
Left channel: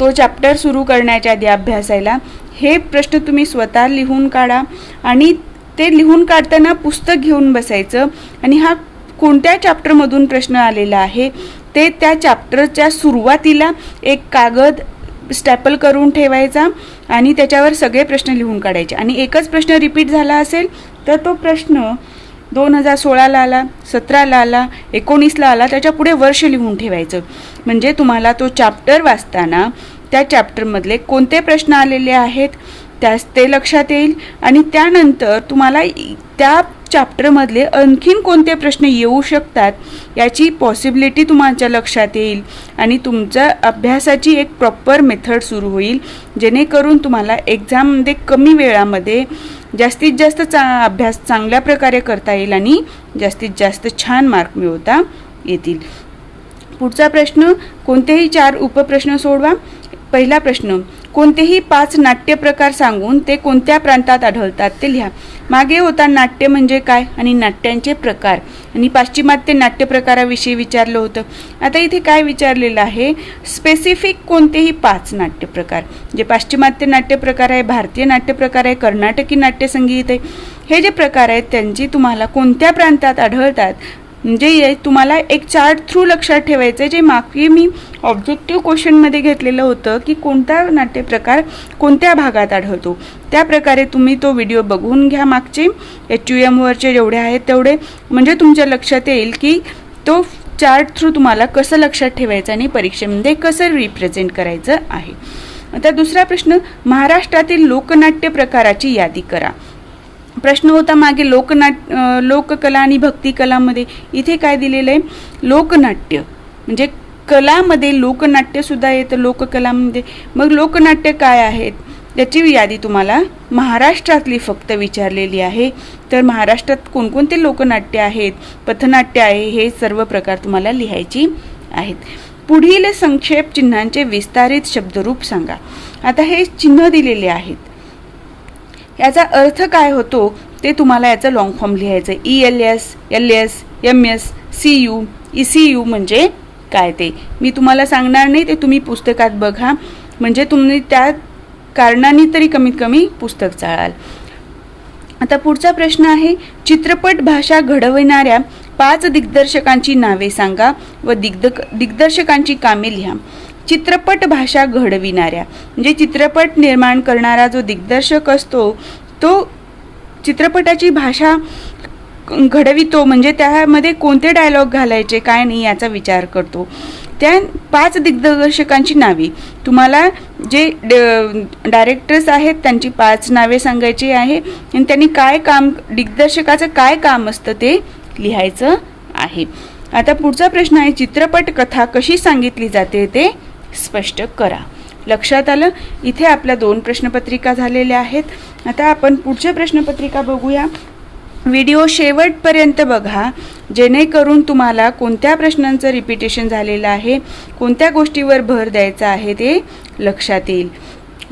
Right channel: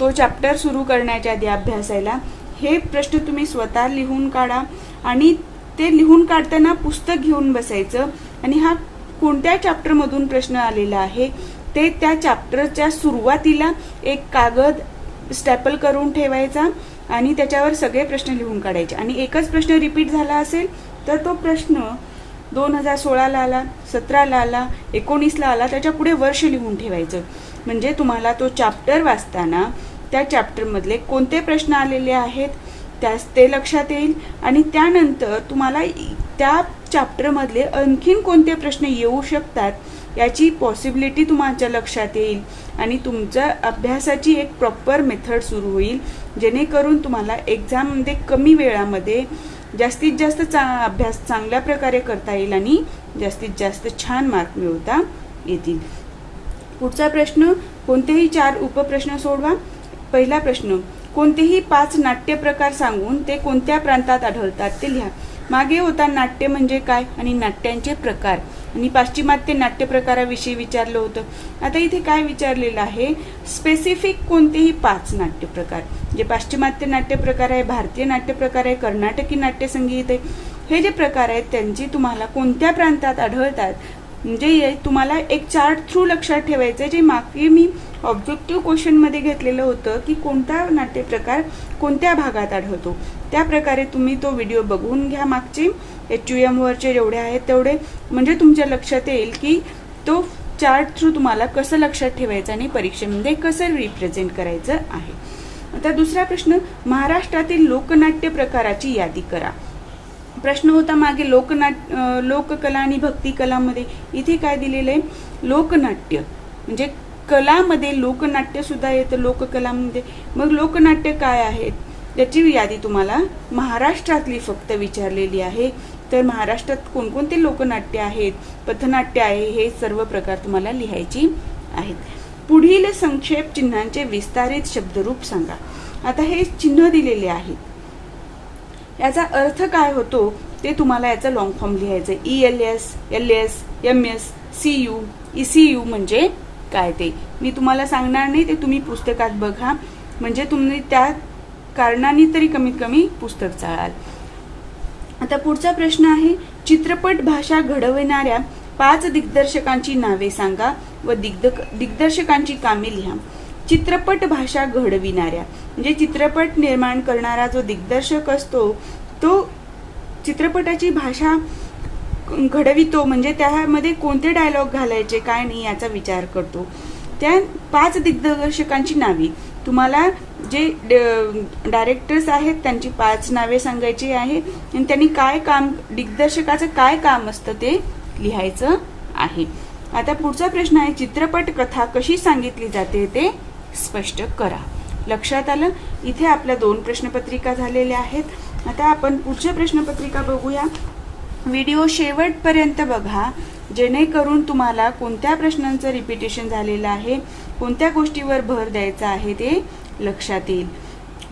तो चॅप्टर सुरू करण्याच्या आधी अभ्यासायला हे प्रश्न तुम्ही स्वतः लिहून काढा आणि ते लिहून काढताना पुस्तक घेऊन बसायचं आणि हा कोणत्या चॅप्टरमधून प्रश्न आलेला आहे ते त्या चॅप्टरच्या सुरुवातीला एक कागद स्टॅपल करून ठेवायचा आणि त्याच्यावर सगळे प्रश्न लिहून काढायचे. आणि एकच प्रश्न रिपीट झाला असेल तर तो प्रश्न 2016ला आला, 17ला आला, 19ला आला, त्याच्या पुढे वर्ष लिहून ठेवायचं. म्हणजे तुम्हाला तो चॅप्टर वाचताना त्या चॅप्टरमधले कोणते प्रश्न आलेले आहेत ते लक्षात येईल आणि त्यानंतर तुम्हाला त्या चॅप्टरमधले आणखीन कोणते प्रश्न येऊ शकतात याची पॉसिबिलिटी तुमच्या लक्षात येईल आणि तुमच्या अभ्यासाची एक प्रॉपर मेथड सुरू होईल जेणेकरून तुम्हाला एक्झाममध्ये कमी वेळामध्ये जास्तीत जास्त अभ्यास चांगल्या प्रकारे करता येईल आणि जास्तीत जास्त छान मार्क मिळवता येतील. पुढचा प्रश्न. कोणतेही 4 उपप्रश्न सोडवा. पहिला प्रश्न, कोणतेही 5 नाट्य प्रकार सांगून ते कोणत्या प्रांतात आढळतात ते लिहा. मागे होता नाट्य म्हणजे काय आणि नाट्यांचे प्रकार आणि पाश्चिमात्य नाट्य प्रकाराविषयी विचारलं होतं. आता इथे काय विचारलेलं आहे, स्पेसिफिक कोणतेही 5 नाट्य प्रकार, जे पाश्चिमात्य नाट्य प्रकार आहे, भारतीय नाट्य प्रकार आहे, कर्नाटकी नाट्य संगीत आहे, हे जे प्रकार आहेत त्यांची तुम्हाला कोणत्या प्रांतात आढळतात, म्हणजे तुम्हाला एक चार्ट थ्रू लक्षात ठेवायचं, जे मागे मी ऑब्जेक्टिव्ह क्वेश्चनमध्ये घेतलेलं होतं की कोणता नाट्यप्रकार कोणत्या भागात आढळतो. त्या प्रकारे तुम्ही तो व्हिडिओ बघून घ्या मागचे HUMवरचे जेवढे आहेत तेवढे, म्हणजे तुमच्या लक्षात येईल की तो चार्ट थ्रू तुम्हाला कसं लक्षात ठेवायचं आणि परीक्षेमध्ये कसं रिप्रेझेंट करायचं आहे. आता दुसरा प्रश्न, महाराष्ट्रातील लोकनाट्य प्रकाराची यादी करा. प्रश्न होता मागे लोककला आणि भक्ती कलामध्ये. इथे काय दिलेलं आहे, लोकनाट्य म्हणजे कलामध्ये लोकनाट्य सुद्धा येतं लोककलामध्ये. मग लोकनाट्य काय आहेत त्याची यादी तुम्हाला महाराष्ट्रातली फक्त विचारलेली आहे. तर महाराष्ट्रात कोणकोणते लोकनाट्य आहेत, पथनाट्य आहे, हे सर्व प्रकार तुम्हाला लिहायची आहेत. पुढील संक्षेप चिन्हांचे विस्तारित शब्दरूप सांगा. आता हे चिन्ह दिलेले आहेत, याचा अर्थ काय होतो ते तुम्हाला याचं लॉंग फॉर्म लिहायचं. ELS, LS, MS, CU, ECU म्हणजे काय ते मी तुम्हाला सांगणार नाही, ते तुम्ही पुस्तकात बघा, म्हणजे तुम्ही त्या कारणाने तरी कमीत कमी पुस्तक चाळाल. आता पुढचा प्रश्न आहे, चित्रपट भाषा घडविणाऱ्या 5 दिग्दर्शकांची नावे सांगा व दिग्दर्शकांची कामे लिहा. चित्रपट भाषा घडविणाऱ्या म्हणजे चित्रपट निर्माण करणारा जो दिग्दर्शक असतो तो चित्रपटाची भाषा घडवितो, म्हणजे त्यामध्ये कोणते डायलॉग घालायचे काय नाही याचा विचार करतो. त्या 5 दिग्दर्शकांची नावे तुम्हाला जे डायरेक्टर्स आहेत त्यांची 5 नावे सांगायची आहे आणि त्यांनी काय काम, दिग्दर्शकाचं काय काम असतं ते लिहायचं आहे. आता पुढचा प्रश्न आहे, चित्रपट कथा कशी सांगितली जाते ते स्पष्ट करा. लक्षात आलं. इथे आपल्या 2 प्रश्नपत्रिका झालेल्या आहेत. आता आपण पुढच्या प्रश्नपत्रिका बघूया. व्हिडिओ शेवटपर्यंत बघा, जेणेकरून तुम्हाला कोणत्या प्रश्नांचं रिपिटेशन झालेलं आहे, कोणत्या गोष्टीवर भर द्यायचा आहे ते लक्षात येईल.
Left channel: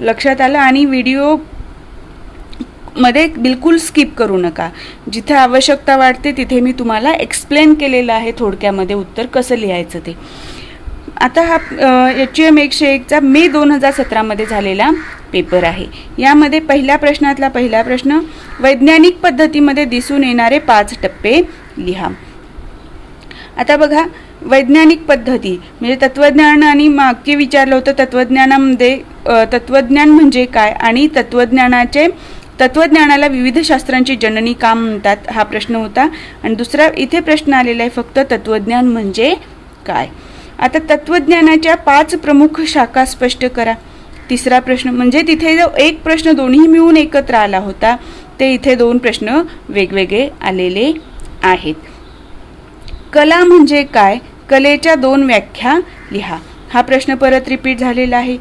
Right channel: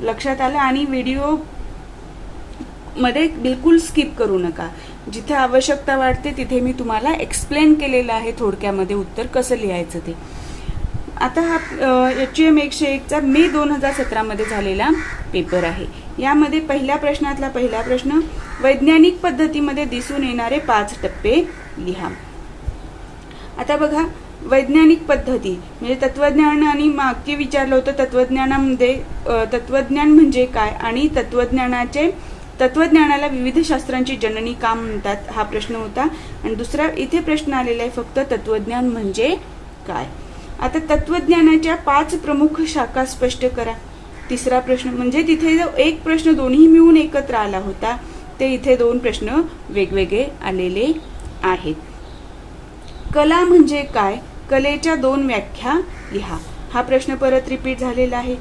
लक्षात आलं. आणि व्हिडिओ मध्ये बिलकुल स्किप करू नका. जिथे आवश्यकता वाटते तिथे मी तुम्हाला एक्सप्लेन केलेलं आहे थोडक्यामध्ये उत्तर कसं लिहायचं ते. आता हा HUM 101चा मे 2017 मध्ये झालेला पेपर आहे. यामध्ये पहिल्या प्रश्नातला पहिला प्रश्न, वैज्ञानिक पद्धतीमध्ये दिसून येणारे 5 टप्पे लिहा. आता बघा, वैज्ञानिक पद्धती म्हणजे तत्वज्ञान आणि मागे विचारलं होतं तत्वज्ञानामध्ये तत्वज्ञान म्हणजे काय आणि तत्वज्ञानाला विविध शास्त्रांची जननी का म्हणतात हा प्रश्न होता. आणि दुसरा इथे प्रश्न आलेला आहे फक्त तत्वज्ञान म्हणजे काय. आता तत्वज्ञानाच्या 5 प्रमुख शाखा स्पष्ट करा. तिसरा प्रश्न म्हणजे तिथे जो एक प्रश्न दोन्ही मिळून एकत्र आला होता ते इथे 2 प्रश्न वेगवेगळे आलेले आहेत. कला म्हणजे काय, कलेच्या 2 व्याख्या लिहा. हा प्रश्न परत रिपीट झालेला आहे.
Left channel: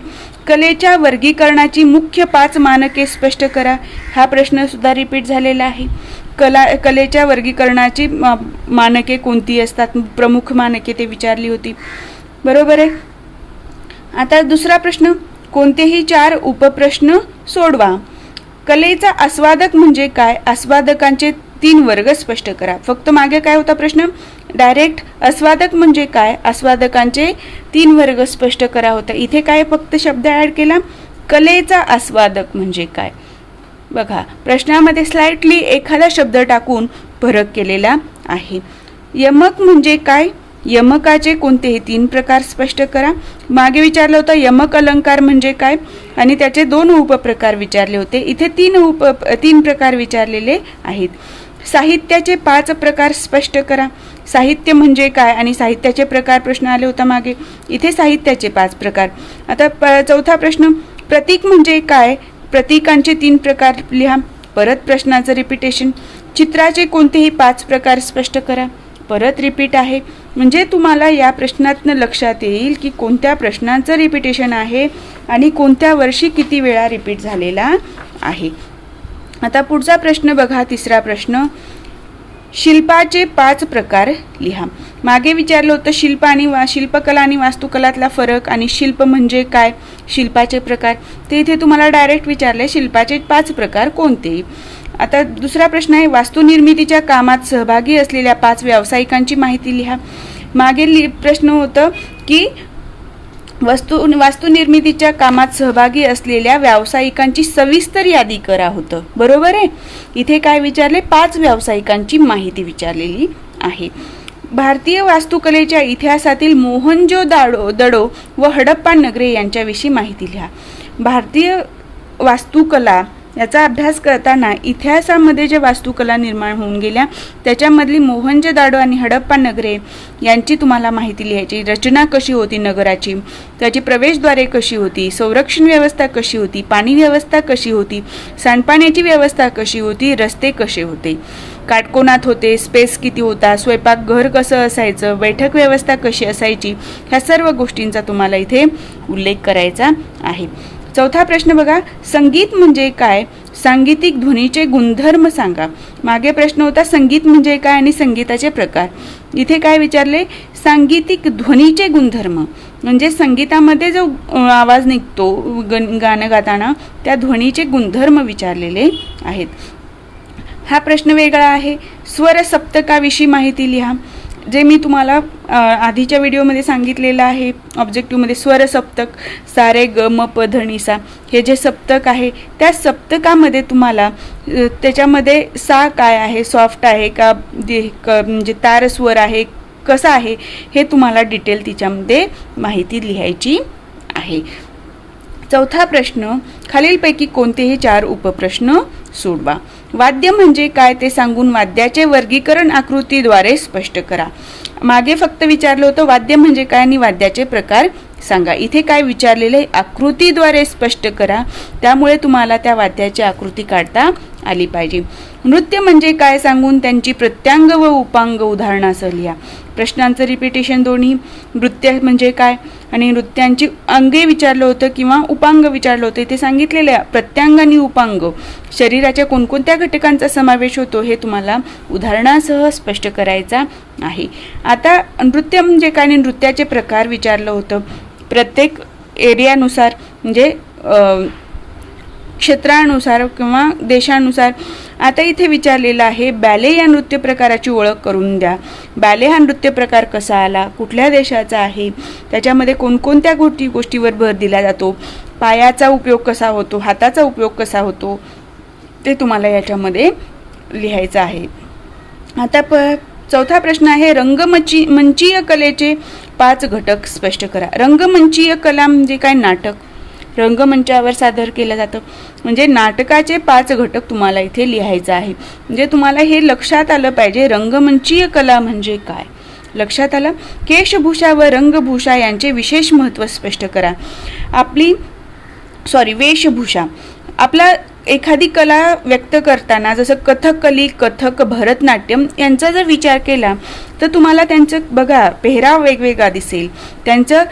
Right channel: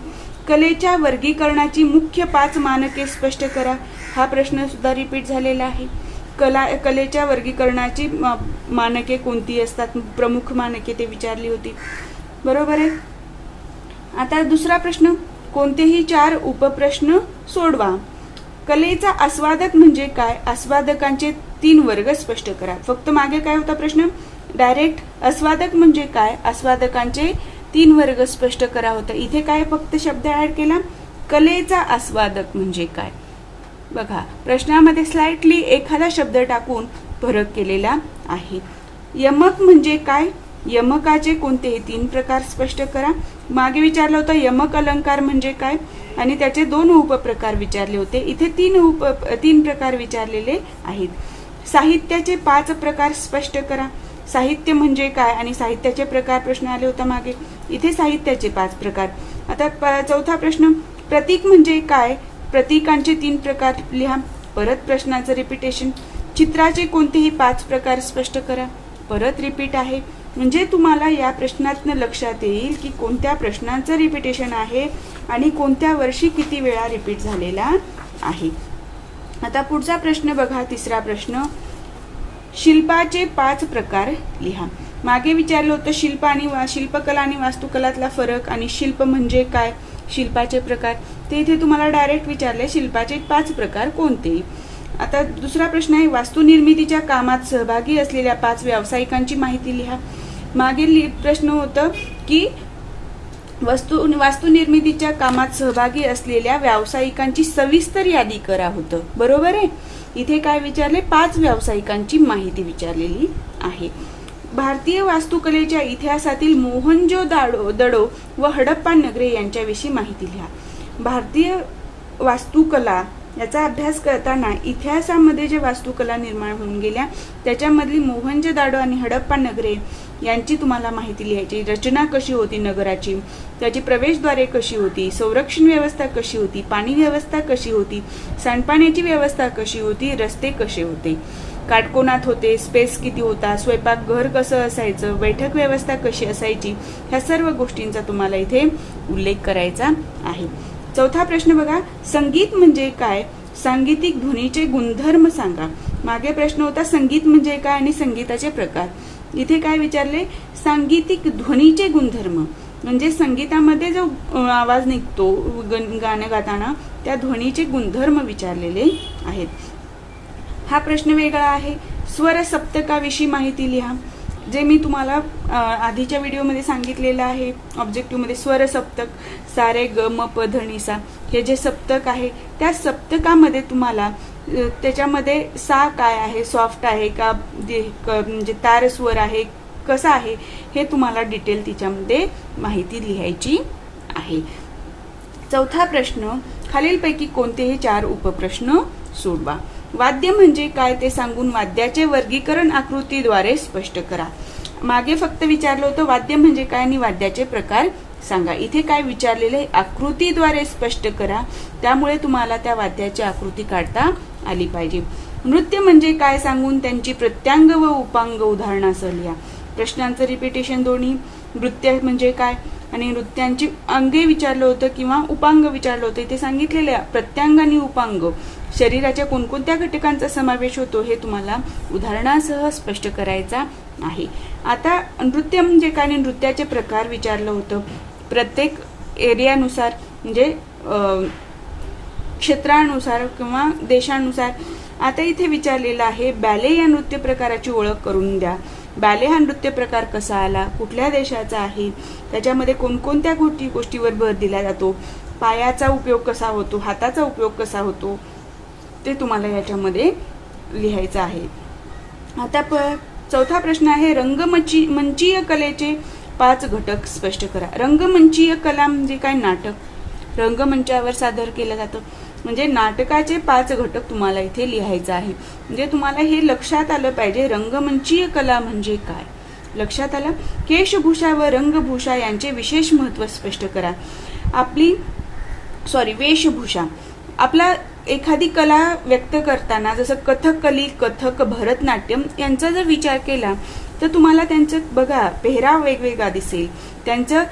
कलेच्या वर्गीकरणाची मुख्य 5 मानके स्पष्ट करा. हा प्रश्न सुद्धा रिपीट झालेला आहे. कलेच्या वर्गीकरणाची मानके कोणती असतात, प्रमुख मानके ते विचारली होती. बरोबर आहे. आता दुसरा प्रश्न, कोणतेही 4 उपप्रश्न सोडवा. कलेचा आस्वादक म्हणजे काय, आस्वादकांचे 3 वर्ग स्पष्ट करा. फक्त मागे काय होता प्रश्न, डायरेक्ट आस्वादक म्हणजे काय, आस्वादकांचे 3 वर्ग स्पष्ट करा होता. इथे काय फक्त शब्द ऍड केला, कलेचा आस्वादक म्हणजे काय. बघा प्रश्नामध्ये स्लाइटली एखादा शब्द टाकून फरक केलेला आहे. यमक म्हणजे काय, यमकाचे कोणतेही 3 प्रकार स्पष्ट करा. मागे विचारलं होतं यमक अलंकार म्हणजे काय आणि त्याचे 2 उपप्रकार विचारले होते. इथे 3 प्रकार विचारलेले आहेत. साहित्याचे 5 प्रकार स्पष्ट करा. साहित्य म्हणजे काय आणि साहित्याचे प्रकार प्रश्न आले होता मागे. इथे साहित्याचे 5 प्रकार. आता चौथा प्रश्न, प्रतीक म्हणजे काय, प्रतीकांचे 3 प्रकार लिहा. परत प्रश्नाचं रिपिटेशन. चित्राचे कोणतेही 5 प्रकार स्पष्ट करा. परत रिपीट आहे. म्हणजे तुम्हाला या प्रश्नातनं लक्षात येईल की कोणत्या प्रश्नांचं रिपिटेशन आहे आणि कोणत्या वर्षी किती वेळा रिपीट झालेला आहे. आता पुढचा प्रश्न बघा, तिसरा प्रश्न, शिल्पाचे 5 प्रकार लिहा. मागे विचारलं होतं शिल्पकला आणि वास्तुकलातला फरक आणि शिल्प म्हणजे काय, शिल्पाचे प्रकार, ते इथे तुम्हाला डायरेक्ट विचारले शिल्पाचे 5 प्रकार कोणते. आता दुसरा प्रश्न आहे, वास्तुनिर्मितीच्या कामात सहभागी असलेल्या 5 व्यावसायिकांची माहिती लिहा. मागील प्रश्न होतं की वास्तुनिर्मितीच्या कामात सहभागी असलेल्या व्यावसायिकांची सविस्तर यादी करा होतं, बरोबर आहे. इथे काय विचारले, 5 व्यावसायिकांची माहिती विचारलेली आहे. भारतीय वास्तुकलेच्या इतिहासातील मोहनजोदडो व हडप्पा नगरे यांच्याविषयी माहिती लिहा. भारतीय वास्तुकला याचा अभ्यास करताना इतिहासामध्ये जे वास्तुकला निर्माण होऊन गेल्या त्याच्यामधली मोहनजोदडो आणि हडप्पा नगरे यांची तुम्हाला माहिती लिहायची. रचना कशी होती नगराची, त्याची प्रवेशद्वारे कशी होती, संरक्षण व्यवस्था कशी होती, पाणी व्यवस्था कशी होती, सांडपाण्याची व्यवस्था कशी होती, रस्ते कसे होते, काटकोनात होते, स्पेस किती होता, स्वयंपाकघर कसं असायचं, बैठक व्यवस्था कशी असायची, ह्या सर्व गोष्टींचा तुम्हाला इथे उल्लेख करायचा आहे. चौथा प्रश्न बघा, संगीत म्हणजे काय, सांगीतिक ध्वनीचे गुणधर्म सांगा. मागे प्रश्न होता संगीत म्हणजे काय आणि संगीताचे प्रकार. इथे काय विचारले, सांगीतिक ध्वनीचे गुणधर्म म्हणजे संगीतामध्ये जो आवाज निघतो गाणं गाताना त्या ध्वनीचे गुणधर्म विचारलेले आहेत. हा प्रश्न वेगळा आहे. स्वर सप्तकाविषयी माहिती लिहा. जे मी तुम्हाला आधीच्या व्हिडिओमध्ये सांगितलेलं आहे ऑब्जेक्टिव्हमध्ये, स्वर सप्तक सा रे ग म प ध नि सा हे जे सप्तक आहे त्या सप्तकामध्ये तुम्हाला त्याच्यामध्ये सा काय आहे, सॉफ्ट आहे का, म्हणजे तार स्वर आहे कसा आहे हे तुम्हाला डिटेल तिच्यामध्ये माहिती लिहायची आहे. चौथा प्रश्न, खालीलपैकी कोणतेही 4 उपप्रश्न सोडवा. वाद्य म्हणजे काय ते सांगून वाद्याचे वर्गीकरण आकृतीद्वारे स्पष्ट करा. मागे फक्त विचारलं होतं वाद्य म्हणजे काय आणि वाद्याचे प्रकार सांगा. इथे काय विचारलेले, आकृतीद्वारे स्पष्ट करा, त्यामुळे तुम्हाला त्या वाद्याची आकृती काढता आली पाहिजे. नृत्य म्हणजे काय सांगून त्यांची प्रत्यांग व उपांग उदाहरणासह लिहा. प्रश्नांचं रिपिटेशन दोन्ही, नृत्य म्हणजे काय आणि नृत्यांची अंगे विचारलं होतं किंवा उपांग विचारलं होतं. इथे सांगितलेलं प्रत्यांग आणि उपांग शरीराच्या कोणकोणत्या घटकांचा समावेश होतो हे तुम्हाला उदाहरणासह स्पष्ट करायचा आहे. आता नृत्य म्हणजे काय आणि नृत्याचे प्रकार विचारलं होतं. प्रत्येक एरियानुसार म्हणजे क्षेत्रानुसार किंवा देशानुसार. आता इथे विचारलेलं आहे बॅले या नृत्य प्रकाराची ओळख करून द्या. बॅले हा नृत्य प्रकार कसा आला, कुठल्या देशाचा आहे, त्याच्यामध्ये कोणकोणत्या गोष्टीवर भर दिला जातो, पायाचा उपयोग कसा होतो, हाताचा उपयोग कसा होतो, ते तुम्हाला याच्यामध्ये लिहायचं आहे. आता चौथा प्रश्न आहे, रंगमंचीय कलेचे 5 घटक स्पष्ट करा. रंगमंचीय कला म्हणजे काय, नाटक रंगमंचावर सादर केलं जातं, म्हणजे नाटकाचे 5 घटक तुम्हाला इथे लिहायचं आहे. म्हणजे तुम्हाला हे लक्षात आलं पाहिजे रंगमंचीय कला म्हणजे काय. लक्षात आलं. केशभूषा व रंगभूषा यांचे विशेष महत्त्व स्पष्ट करा. वेशभूषा आपला एखादी कला व्यक्त करताना जसं कथकली, कथक, भरतनाट्यम यांचा जर विचार केला तर तुम्हाला त्यांचं बघा पेहराव वेगवेगळा दिसेल, त्यांचं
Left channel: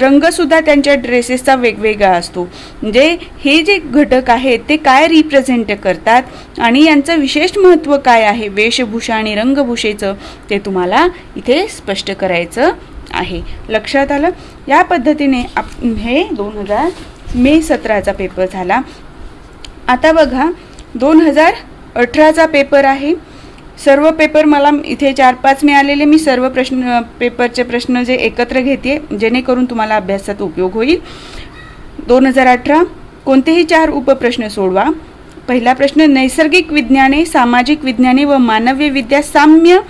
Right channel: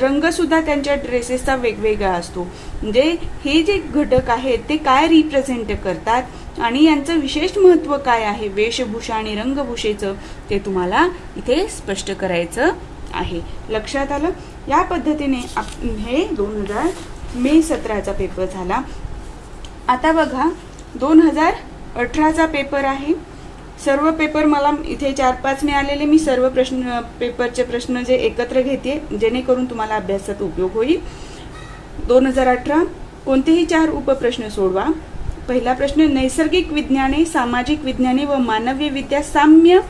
रंगसुद्धा त्यांच्या ड्रेसेसचा वेगवेगळा असतो. म्हणजे हे जे घटक आहेत ते काय रिप्रेझेंट करतात आणि यांचं विशेष महत्त्व काय आहे वेशभूषा आणि रंगभूषेचं ते तुम्हाला इथे स्पष्ट करायचं आहे. लक्षात आलं. या पद्धतीने हे 2017चा पेपर झाला. आता बघा 2018चा पेपर आहे. सर्व पेपर मला इथे 4-5 मिळालेले, मी सर्व पेपरचे प्रश्न जे एकत्र घेते जेणेकरून तुम्हाला अभ्यासात उपयोग होईल. 2018 कोणतेही 4 उपप्रश्न सोडवा. पहिला प्रश्न, नैसर्गिक विज्ञाने, सामाजिक विज्ञाने व मानवी विद्या साम्य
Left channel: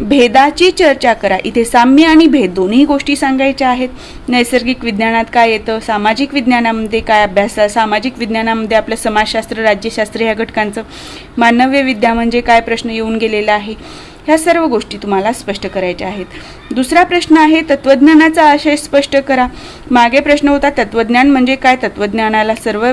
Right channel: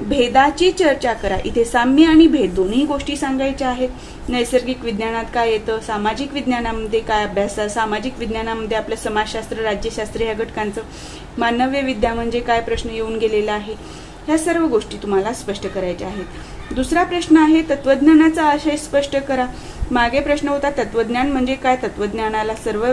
भेदाची चर्चा करा. इथे साम्य आणि भेद दोन्ही गोष्टी सांगायच्या आहेत. नैसर्गिक विज्ञानात काय येतं, सामाजिक विज्ञानामध्ये काय अभ्यास, सामाजिक विज्ञानामध्ये आपलं समाजशास्त्र, राज्यशास्त्र ह्या घटकांचं, मानवी विद्या म्हणजे काय प्रश्न येऊन गेलेला आहे, ह्या सर्व गोष्टी तुम्हाला स्पष्ट करायच्या आहेत. दुसरा प्रश्न आहे, तत्वज्ञानाचा आशय स्पष्ट करा. मागे प्रश्न होता तत्वज्ञान म्हणजे काय, तत्वज्ञानाला सर्व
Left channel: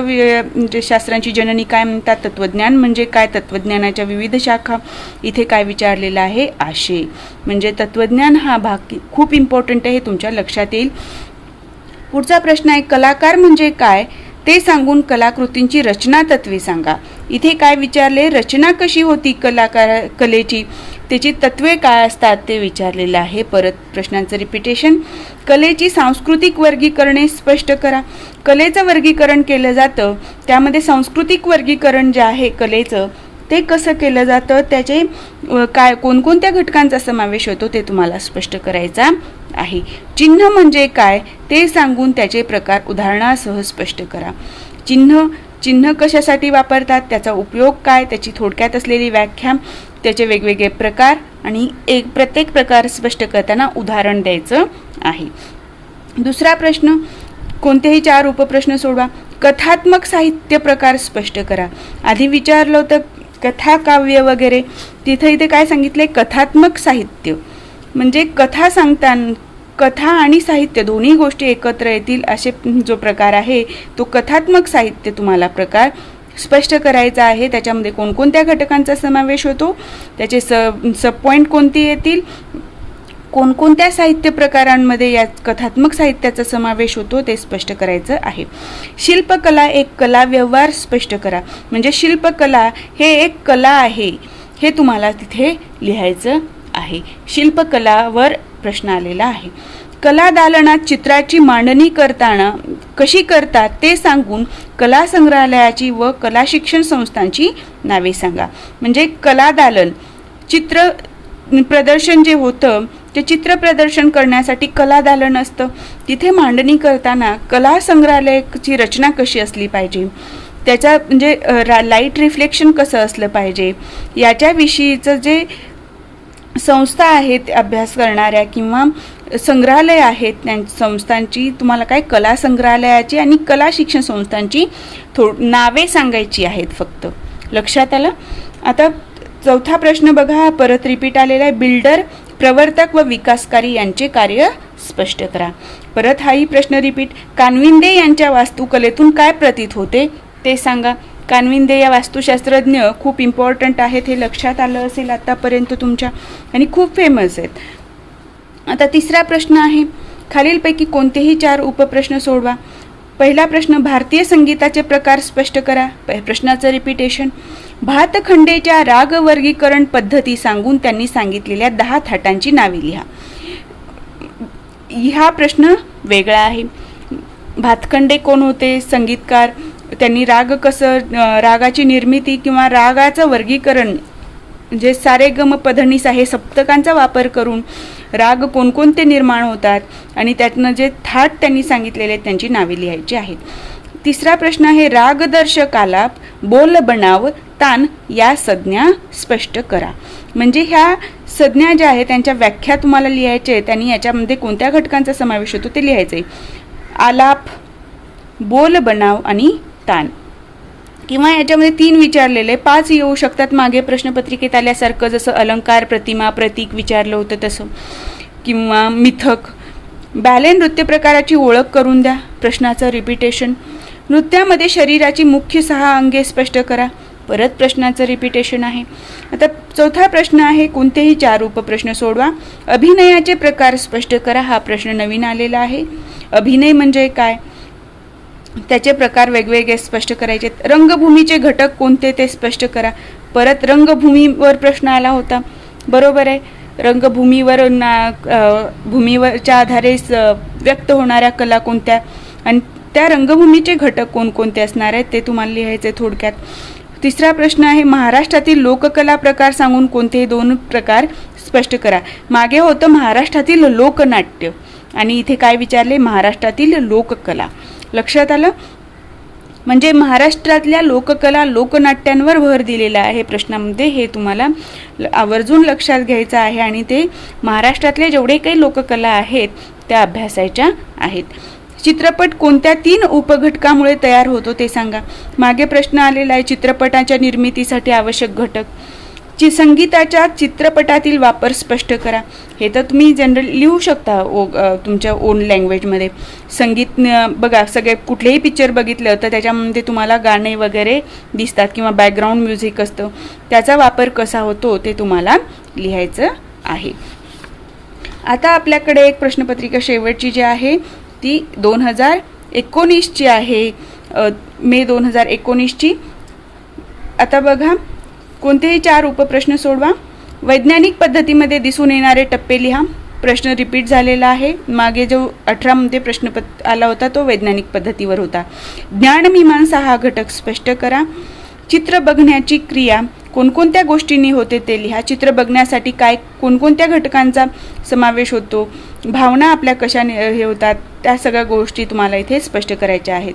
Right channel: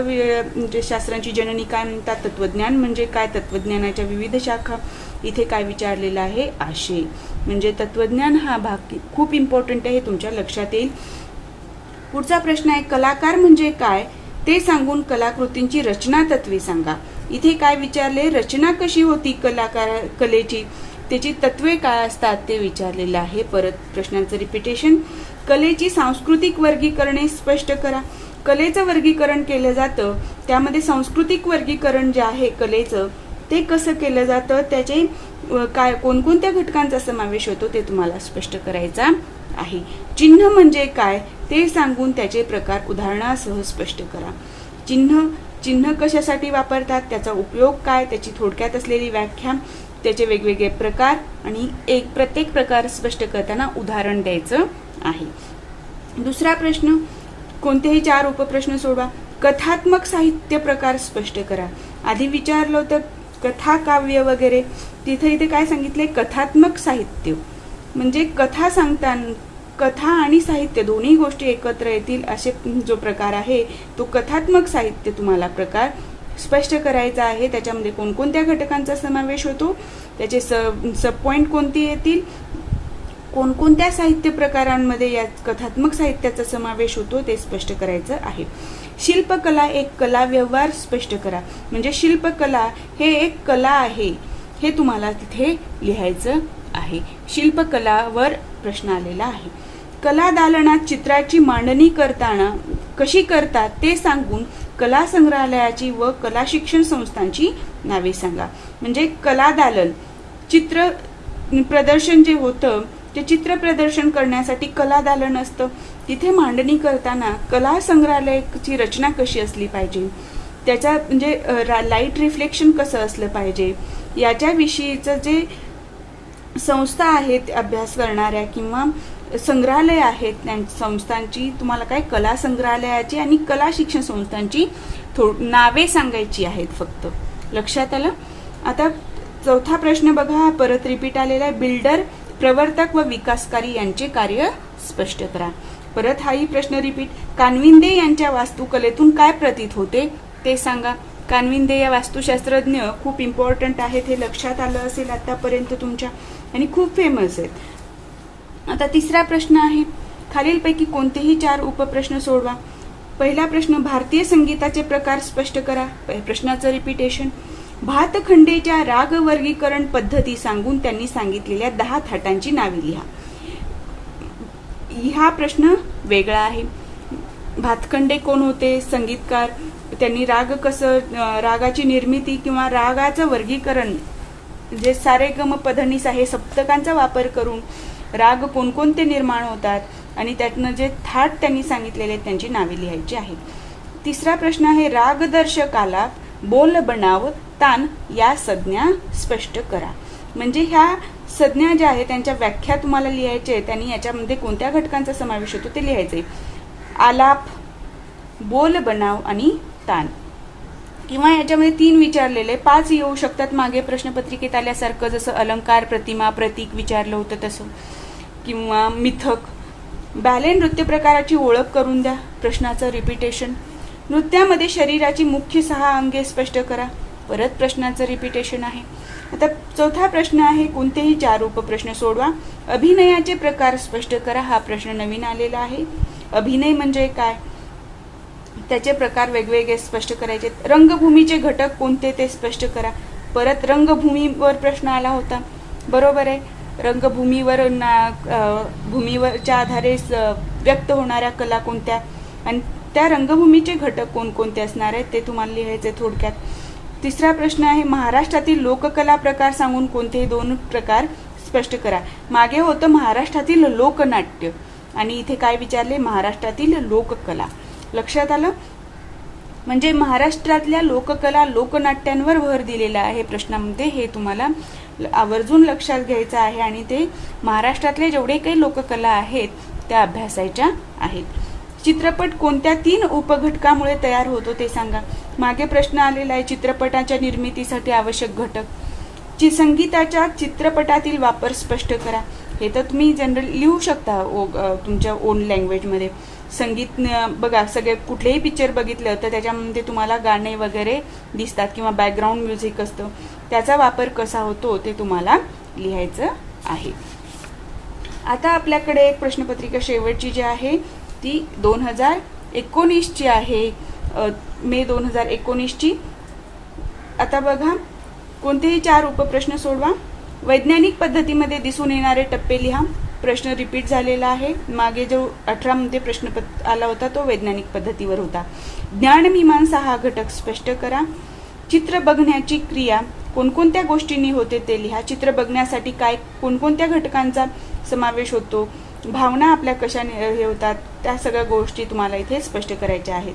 शास्त्रांची जननी काय म्हणतात, तत्वज्ञान म्हणजे काय, तत्वज्ञानाच्या विविध शाखा. इथे काय विचारलेलं आहे, आशय म्हणजे तत्वज्ञान हा भाग खूप इम्पॉर्टंट आहे, तुमच्या लक्षात येईल. पुढचा प्रश्न आहे, कलाकार म्हणजे काय ते सांगून कलाकृतींची रचना तत्वे सांगा. इथे काय विचारले, रचना कशी होती कलेची, त्याची तत्वे काय असतात ते विचारलेलं आहे. परत प्रश्नांचं रिपिटेशन. कलेची सांस्कृतिक वर्गीकरणे स्पष्ट करा. कलेचं वर्गीकरण केलं जातं, त्यामध्ये सांस्कृतिक वर्गीकरण जे आहे कलेचं ते कसं केलं जातं, त्याचे काय कोणकोणत्या घटकांचा समावेश होतो ते तुम्हाला स्पष्ट करायचा आहे. चिन्ह म्हणजे काय ते सांगून त्याचे प्रकार उदाहरणासह स्पष्ट करा. चिन्ह कशासाठी वापरतात, त्याचा उपयोग काय, त्याची थोडक्यात असलेली व्याख्या, त्याचे वेगवेगळे प्रकार आणि प्रत्येक प्रकार स्पष्ट करताना उदाहरण द्यायचं आहे. दुसरा प्रश्न, कोणतेही 4 उपप्रश्न सोडवा. कथात्मक साहित्य प्रकार स्पष्ट करा. आधी विचारलं होतं कथा, काव्य वगैरे, इथे काय सांगितले, कथात्मक साहित्य म्हणजे कथा सांगताना कथा आणि साहित्य दोन्ही गोष्टी एकत्र येतील असे जो प्रकार आहे तो कथात्मक साहित्य तुम्हाला प्रकार स्पष्ट करायचा आहे. त्याच्यामध्ये कोणकोणत्या घटकांचा समावेश होतो, त्याचे सब पॉईंट कोणती येतील, कोणकोणत्या साहित्य प्रकारांमध्ये या कथात्मक साहित्याचा समावेश होतो ते स्पष्ट करायचं आहे. शिल्पकला एक कला व्यवहार स्पष्ट करा. म्हणजे शिल्पकला हे एक कला आहे हे तुम्हाला तिथे लिहायचं आहे. शिल्पकलावर प्रश्न आलेला आहे. कला दालनात चित्राची मांडणी करताना कशी करतात ते सांगून कला संग्रहालयाची व कला शिक्षण संस्थांची नावे सांगा. म्हणजे कला दालन चित्र प्रदर्शन जे होतं ते चित्र प्रदर्शन करण्यासाठी कला दालन असतं. तिथे मांडणी करताना कला संग्रहालयाची रचना कशी असली पाहिजे, त्याचा म्हणजे लाईट रिफ्लेक्शन कसं असलं पाहिजे, याच्याविषयीचं जे संस्था आहेत अभ्यास करणाऱ्या किंवा संग्रहालय आहेत त्या संस्थांची तुम्हाला काय कला संग्रहालयाची आणि कला शिक्षण संस्थांची नावे सांगायची आहेत फक्त. लक्षात आलं. आता चौथा प्रश्न बघा, परत रिपीट आलेला आहे. बिल्डर, प्रवर्तक व विकासकारी यांचे कार्य स्पष्ट करा. परत हाही प्रश्न रिपीट. कानविंदे यांच्या वास्तुकलेतून काय प्रतीत होते ते सांगा. कानविंदे या वास्तुशास्त्रज्ञ खूप इम्पॉर्टंट आहेत, हे लक्षात आलं असेल आतापर्यंत तुमच्या, आणि खूप फेमस आहेत. आता तिसरा प्रश्न आहे, खालीलपैकी कोणतेही 4 उपप्रश्न सोडवा. पहिला प्रश्न, भारतीय संगीताचे प्रकार स्पष्ट करा. प्रश्नाचं रिपिटेशन. भातखंडेच्या राग वर्गीकरण पद्धती सांगून त्यांनी सांगितलेल्या 10 थाटांची नावे लिहा. हा प्रश्न वेगळा आहे. भातखंडे कोण होते, संगीतकार, त्यांनी राग कसं, रागाची निर्मिती किंवा रागाचं वर्गीकरण जे सारे गम पधनिसा हे सप्तकांचा वापर करून राग कोणकोणते निर्माण होतात आणि त्यातनं जे थाट त्यांनी सांगितलेले त्यांची नावे लिहायची आहेत. तिसरा प्रश्न आहे, रागदर्शक आलाप, बोल बनाव, तान या संज्ञा स्पष्ट करा. म्हणजे ह्या संज्ञा ज्या आहेत त्यांच्या व्याख्या तुम्हाला लिहायचे आहेत आणि याच्यामध्ये कोणत्या घटकांचा समावेश होतो ते लिहायचे. आलाप, बोल बनाव आणि तान. किंवा याच्यामध्ये 3 विचारलेले 5 येऊ शकतात मागे प्रश्नपत्रिकेत आल्यासारखं, जसं अलंकार, प्रतिमा, प्रतीक विचारलं होतं तसं, किंवा मिथक. बॅले नृत्य प्रकाराची ओळख करून द्या. प्रश्नाचं रिपिटेशन. नृत्यामध्ये शरीराची मुख्य 6 अंगे स्पष्ट करा. परत प्रश्नाचं रिपिटेशन आहे. आता चौथा प्रश्न आहे, कोणतेही 4 उपप्रश्न सोडवा. अभिनयाचे प्रकार स्पष्ट करा. हा प्रश्न नवीन आलेला आहे. अभिनय म्हणजे काय, त्याचे प्रकार वेगवेगळे स्पष्ट करायचे. रंगभूमीचे घटक कोणते ते स्पष्ट करा. परत रंगभूमीवर प्रश्न आला होता, बरोबर आहे. रंगभूमीवर भूमीवरच्या आधारे व्यक्त होणाऱ्या कला कोणत्या आणि त्या रंगभूमीचे घटक कोणकोणते असणार आहेत ते तुम्हाला लिहायचे थोडक्यात. तिसरा प्रश्न आहे, महाराष्ट्रातील लोककला प्रकार सांगून कोणतेही 2 प्रकार स्पष्ट करा. मागे होतं महाराष्ट्रातील लोकनाट्य आणि इथे काय विचारले, महाराष्ट्रातील लोककला. लक्षात आलं. म्हणजे महाराष्ट्रातल्या लोककला लोकनाट्यांवर भर दिलेला आहे प्रश्नामध्ये, हे तुम्हाला आवर्जून लक्षात घ्यायचं आहे आणि ते महाराष्ट्रातले जेवढे काही लोककला आहेत त्या अभ्यासायच्या आहेत. चित्रपट कोणत्या 3 उपघटकामुळे तयार होतो ते सांगा. मागे प्रश्न आलेला आहे, चित्रपटाच्या निर्मितीसाठी आवश्यक घटक. संगीताच्या चित्रपटातील वापर स्पष्ट करा. हे तर तुम्ही जनरली लिहू शकता तुमच्या ओन लँग्वेजमध्ये. संगीत बघा, सगळे कुठलेही पिक्चर बघितलं तर त्याच्यामध्ये तुम्हाला गाणे वगैरे दिसतात किंवा बॅकग्राऊंड म्युझिक असतं, त्याचा वापर कसा होतो ते तुम्हाला लिहायचं आहे. आता आपल्याकडे एक प्रश्नपत्रिका शेवटची जी आहे ती 2019ची आहे, मे 2019ची. आता बघा, कोणतेही 4 उपप्रश्न सोडवा. वैज्ञानिक पद्धतीमध्ये दिसून येणारे टप्पे लिहा. प्रश्न रिपीट झालेला आहे. मागे जो 18मध्ये प्रश्न आला होता तो वैज्ञानिक पद्धतीवर होता. ज्ञानमीमांसा हा घटक स्पष्ट करा. चित्र बघण्याची क्रिया कोणकोणत्या गोष्टींनी होते ते लिहा. चित्र बघण्यासाठी काय कोणकोणत्या घटकांचा समावेश होतो, भावना आपल्या कशाने हे होतात, त्या सगळ्या गोष्टी तुम्हाला इथे स्पष्ट करायच्या आहेत.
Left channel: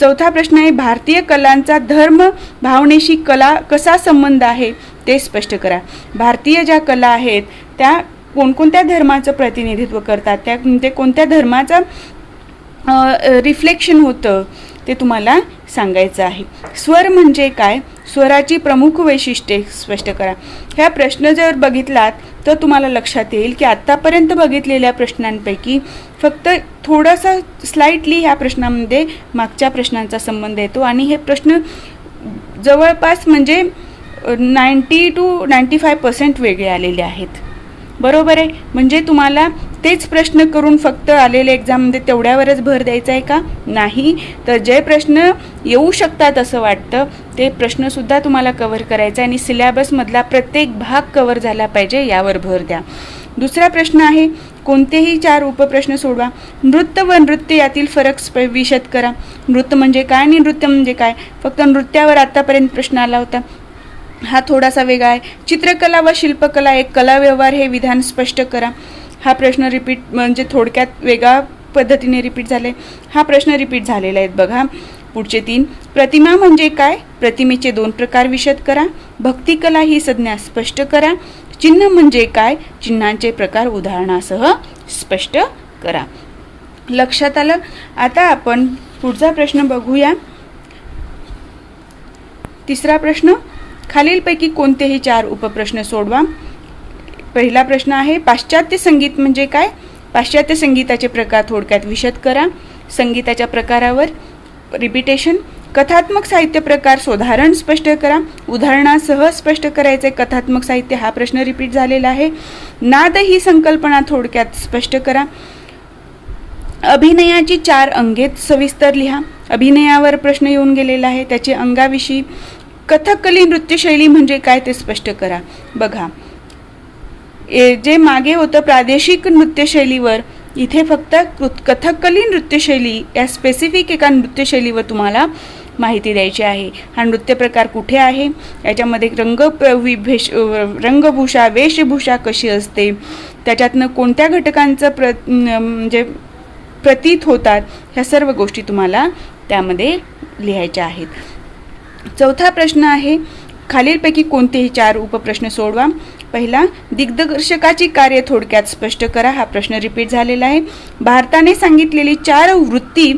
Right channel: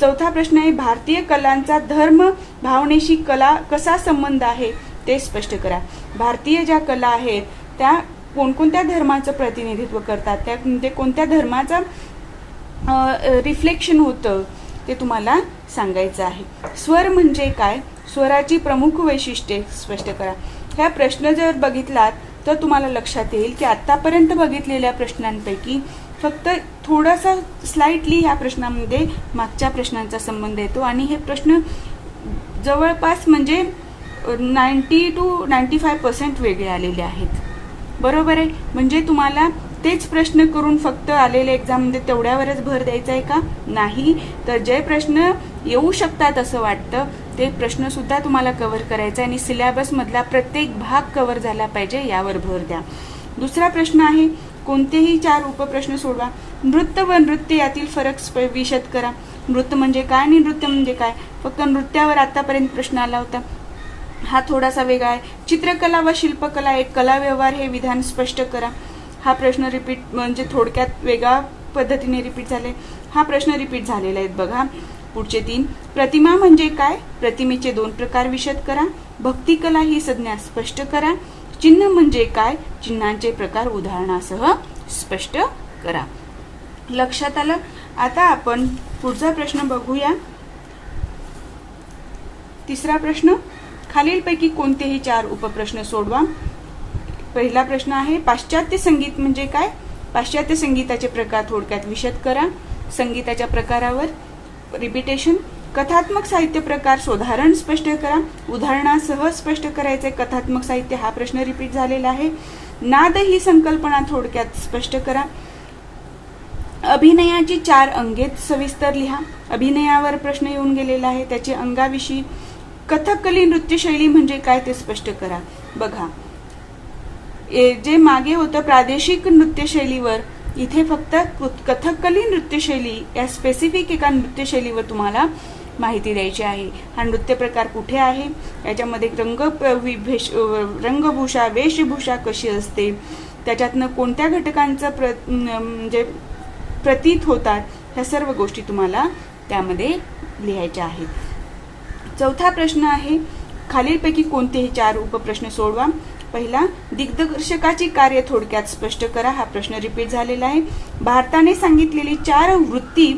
चौथा प्रश्न आहे, भारतीय कलांचा धर्म भावनेशी कला कसा संबंध आहे ते स्पष्ट करा. भारतीय ज्या कला आहेत त्या कोणकोणत्या धर्माचं प्रतिनिधित्व करतात, त्या म्हणजे कोणत्या धर्माचं रिफ्लेक्शन होतं ते तुम्हाला सांगायचं आहे. स्वर म्हणजे काय, स्वराची प्रमुख वैशिष्ट्ये स्पष्ट करा. ह्या प्रश्न जर बघितलात तर तुम्हाला लक्षात येईल की आत्तापर्यंत बघितलेल्या प्रश्नांपैकी फक्त थोडासा स्लाइटली ह्या प्रश्नामध्ये मागच्या प्रश्नांचा संबंध येतो आणि हे प्रश्न जवळपास म्हणजे 90 to 95% वेगळे आलेले आहेत. बरोबर आहे. म्हणजे तुम्हाला तेच प्रश्न करून फक्त आलेल्या एक्झाममध्ये तेवढ्यावरच भर द्यायचा आहे का? नाही. तर जे प्रश्न येऊ शकतात असं वाटतं ते प्रश्नसुद्धा तुम्हाला कव्हर करायचा आहे आणि सिलेबसमधला प्रत्येक भाग कव्हर झाला पाहिजे यावर भर द्या. दुसरा प्रश्न आहे, कोणतेही 4 उपप्रश्न सोडवा. नृत्य व नृत्य यातील फरक विशद करा. नृत्य म्हणजे काय आणि नृत्य म्हणजे काय? फक्त नृत्यावर आतापर्यंत प्रश्न आला होता, हा थोडासा वेगळा आहे. चित्रकला व शिल्पकला एक कला व्यवहार हे विधान स्पष्ट करा. हा प्रश्न रिपीट म्हणजे थोडक्यात वेगळ्या पद्धतीने रिपीट झाले. हा प्रश्न रिपीट झालेला आहे बघा. पुढचे 3, प्रतिमा म्हणजे काय, प्रतिमेचे 2 प्रकार विशद करा. भक्तिकला ही संज्ञा स्पष्ट करा. चिन्ह म्हणजे काय, चिन्हांचे प्रकार उदाहरणासह स्पष्ट करा. लक्षात आलं. आता आपण पुढचा प्रश्न बघूया. तिसरा प्रश्न, खालीलपैकी कोणतेही 4 उपप्रश्न सोडवा. पहिला प्रश्न आहे, पाश्चात्य संगीत म्हणजे काय, पाश्चात्य संगीताचे प्रकार थोडक्यात विशद करा. संगीताच्या प्रकारावर रिपिटेशन. कथात्मक साहित्य प्रकार सोदाहरण स्पष्ट करा. उदाहरणासह स्पष्ट करायचे. कथात्मक साहित्य हा प्रश्न रिपीट झालेला आहे. नाद ही संकल्पना थोडक्यात स्पष्ट करा. अभिनयाची 4 अंगे सविस्तर लिहा. अभिनयावर प्रश्न येऊन गेलेला आहे, त्याचे अंगाविषयी. कथकली नृत्यशैली म्हणजे काय ते स्पष्ट करा. बघा, जे मागे होतं प्रादेशिक नृत्यशैलीवर, इथे फक्त कथकली नृत्यशैली या स्पेसिफिक एका नृत्यशैलीवर तुम्हाला माहिती द्यायची आहे. हा नृत्य प्रकार कुठे आहे, याच्यामध्ये रंगभूषा वेशभूषा कशी असते, त्याच्यातनं कोणत्या घटकांचं म्हणजे प्रतीत होतात, ह्या सर्व गोष्टी तुम्हाला त्यामध्ये लिहायच्या आहेत. चौथा प्रश्न आहे, खालीलपैकी कोणतेही 4 उपप्रश्न सोडवा. पहिला, दिग्दर्शकाची कार्य थोडक्यात स्पष्ट करा. हा प्रश्न रिपीट झालेला आहे. भारताने सांगितलेली 4 वृत्ती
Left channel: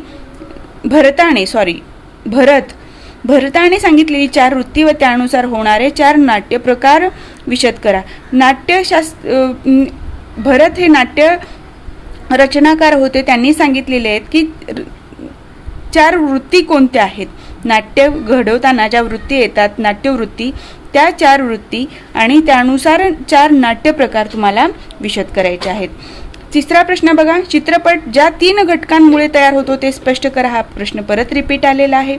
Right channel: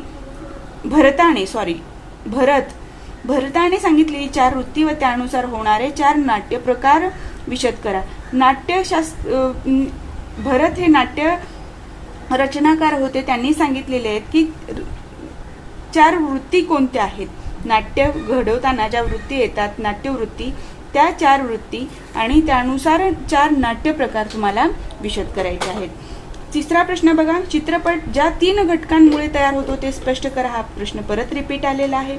भरताने सांगितलेली 4 वृत्ती व त्यानुसार होणारे 4 नाट्य प्रकार विशद करा. भरत हे नाट्य रचनाकार होते, त्यांनी सांगितलेले आहेत की 4 वृत्ती कोणत्या आहेत. नाट्य घडवताना ज्या वृत्ती येतात, नाट्यवृत्ती, त्या 4 वृत्ती आणि त्यानुसार 4 नाट्य प्रकार तुम्हाला विशद करायचे आहेत. तिसरा प्रश्न बघा, चित्रपट ज्या 3 घटकांमुळे तयार होतो ते स्पष्ट करा. हा प्रश्न परत रिपीट आलेला आहे.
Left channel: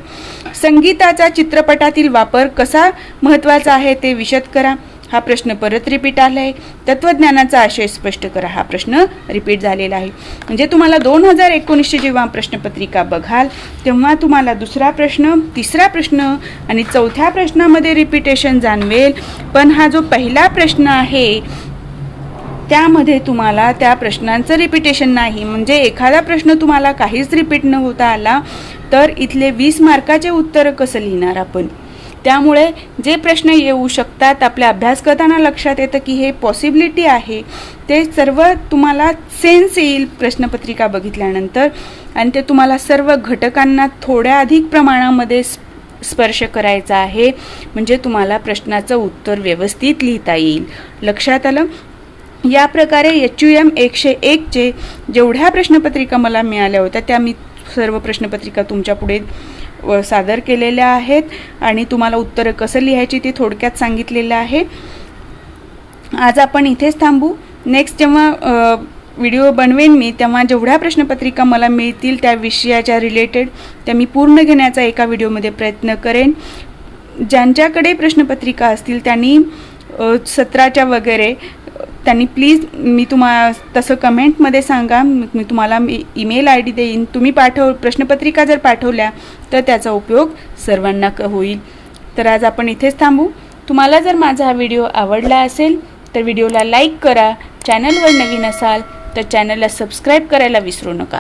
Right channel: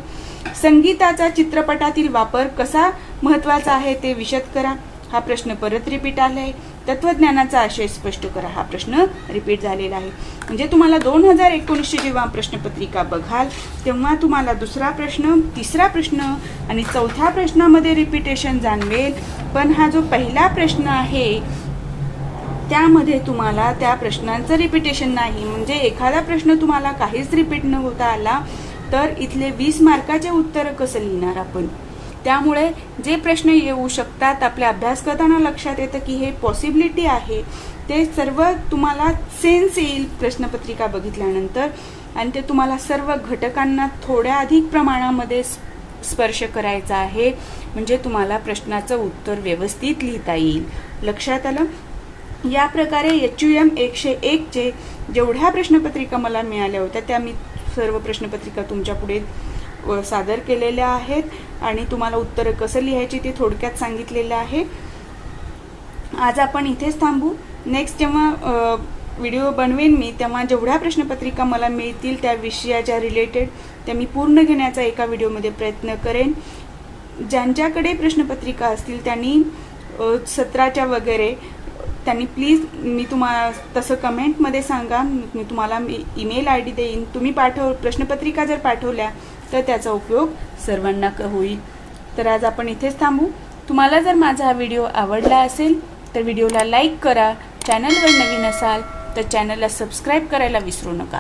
संगीताचा चित्रपटातील वापर कसा महत्त्वाचा आहे ते विशद करा. हा प्रश्न परत रिपीट आला आहे. तत्वज्ञानाचा आशय स्पष्ट करा. हा प्रश्न रिपीट झालेला आहे. म्हणजे तुम्हाला 2019ची जेव्हा प्रश्नपत्रिका बघाल तेव्हा तुम्हाला दुसरा प्रश्न, तिसरा प्रश्न आणि चौथ्या प्रश्नामध्ये रिपीटेशन जाणवेल. पण हा जो पहिला प्रश्न आहे त्यामध्ये तुम्हाला त्या प्रश्नांचं रिपीटेशन नाही. म्हणजे एखादा प्रश्न तुम्हाला काहीच रिपीट न होता आला तर इथले 20 मार्काचे उत्तर कसं लिहिणार आपण. त्यामुळे जे प्रश्न येऊ शकतात आपल्या अभ्यास करताना लक्षात येतं की हे पॉसिबिलिटी आहे, ते सर्व तुम्हाला सेन्स येईल प्रश्नपत्रिका बघितल्यानंतर आणि ते तुम्हाला सर्व घटकांना थोड्या अधिक प्रमाणामध्ये स्पर्श करायचा आहे. म्हणजे तुम्हाला प्रश्नाचं उत्तर व्यवस्थित लिहिता येईल. लक्षात आलं. या प्रकारे HUM 101चे जेवढ्या प्रश्नपत्रिका मला मिळाल्या होत्या त्या मी सर्व प्रश्नपत्रिका तुमच्या पुढे सादर केलेल्या आहेत आणि तुम्हाला उत्तरं कसं लिहायची ती थोडक्यात सांगितलेलं आहे. आज आपण इथेच थांबू. नेक्स्ट जेव्हा व्हिडिओ बनवेन मी तेव्हा जेवढ्या प्रश्नपत्रिका मला मिळतील त्या विषयाच्या रिलेटेड त्या मी पूर्ण घेण्याचा एका व्हिडिओमध्ये प्रयत्न करेन. ज्यांच्याकडे प्रश्नपत्रिका असतील त्यांनी 17च्या वगैरे त्यांनी प्लीज मी तसं कमेंटमध्ये सांगा, मी तुम्हाला ईमेल ID देईन. तुम्ही प्रश्नपत्रिका जर पाठवल्या तर त्याचा उपयोग सर्वांना होईल. तर आज आपण इथेच थांबू. तुम्हाला जर माझा हा व्हिडिओ आवडला असेल तर व्हिडिओला लाईक करा. चॅनलवर नवीन असाल तर चॅनलला सबस्क्राईब करायला विसरू नका.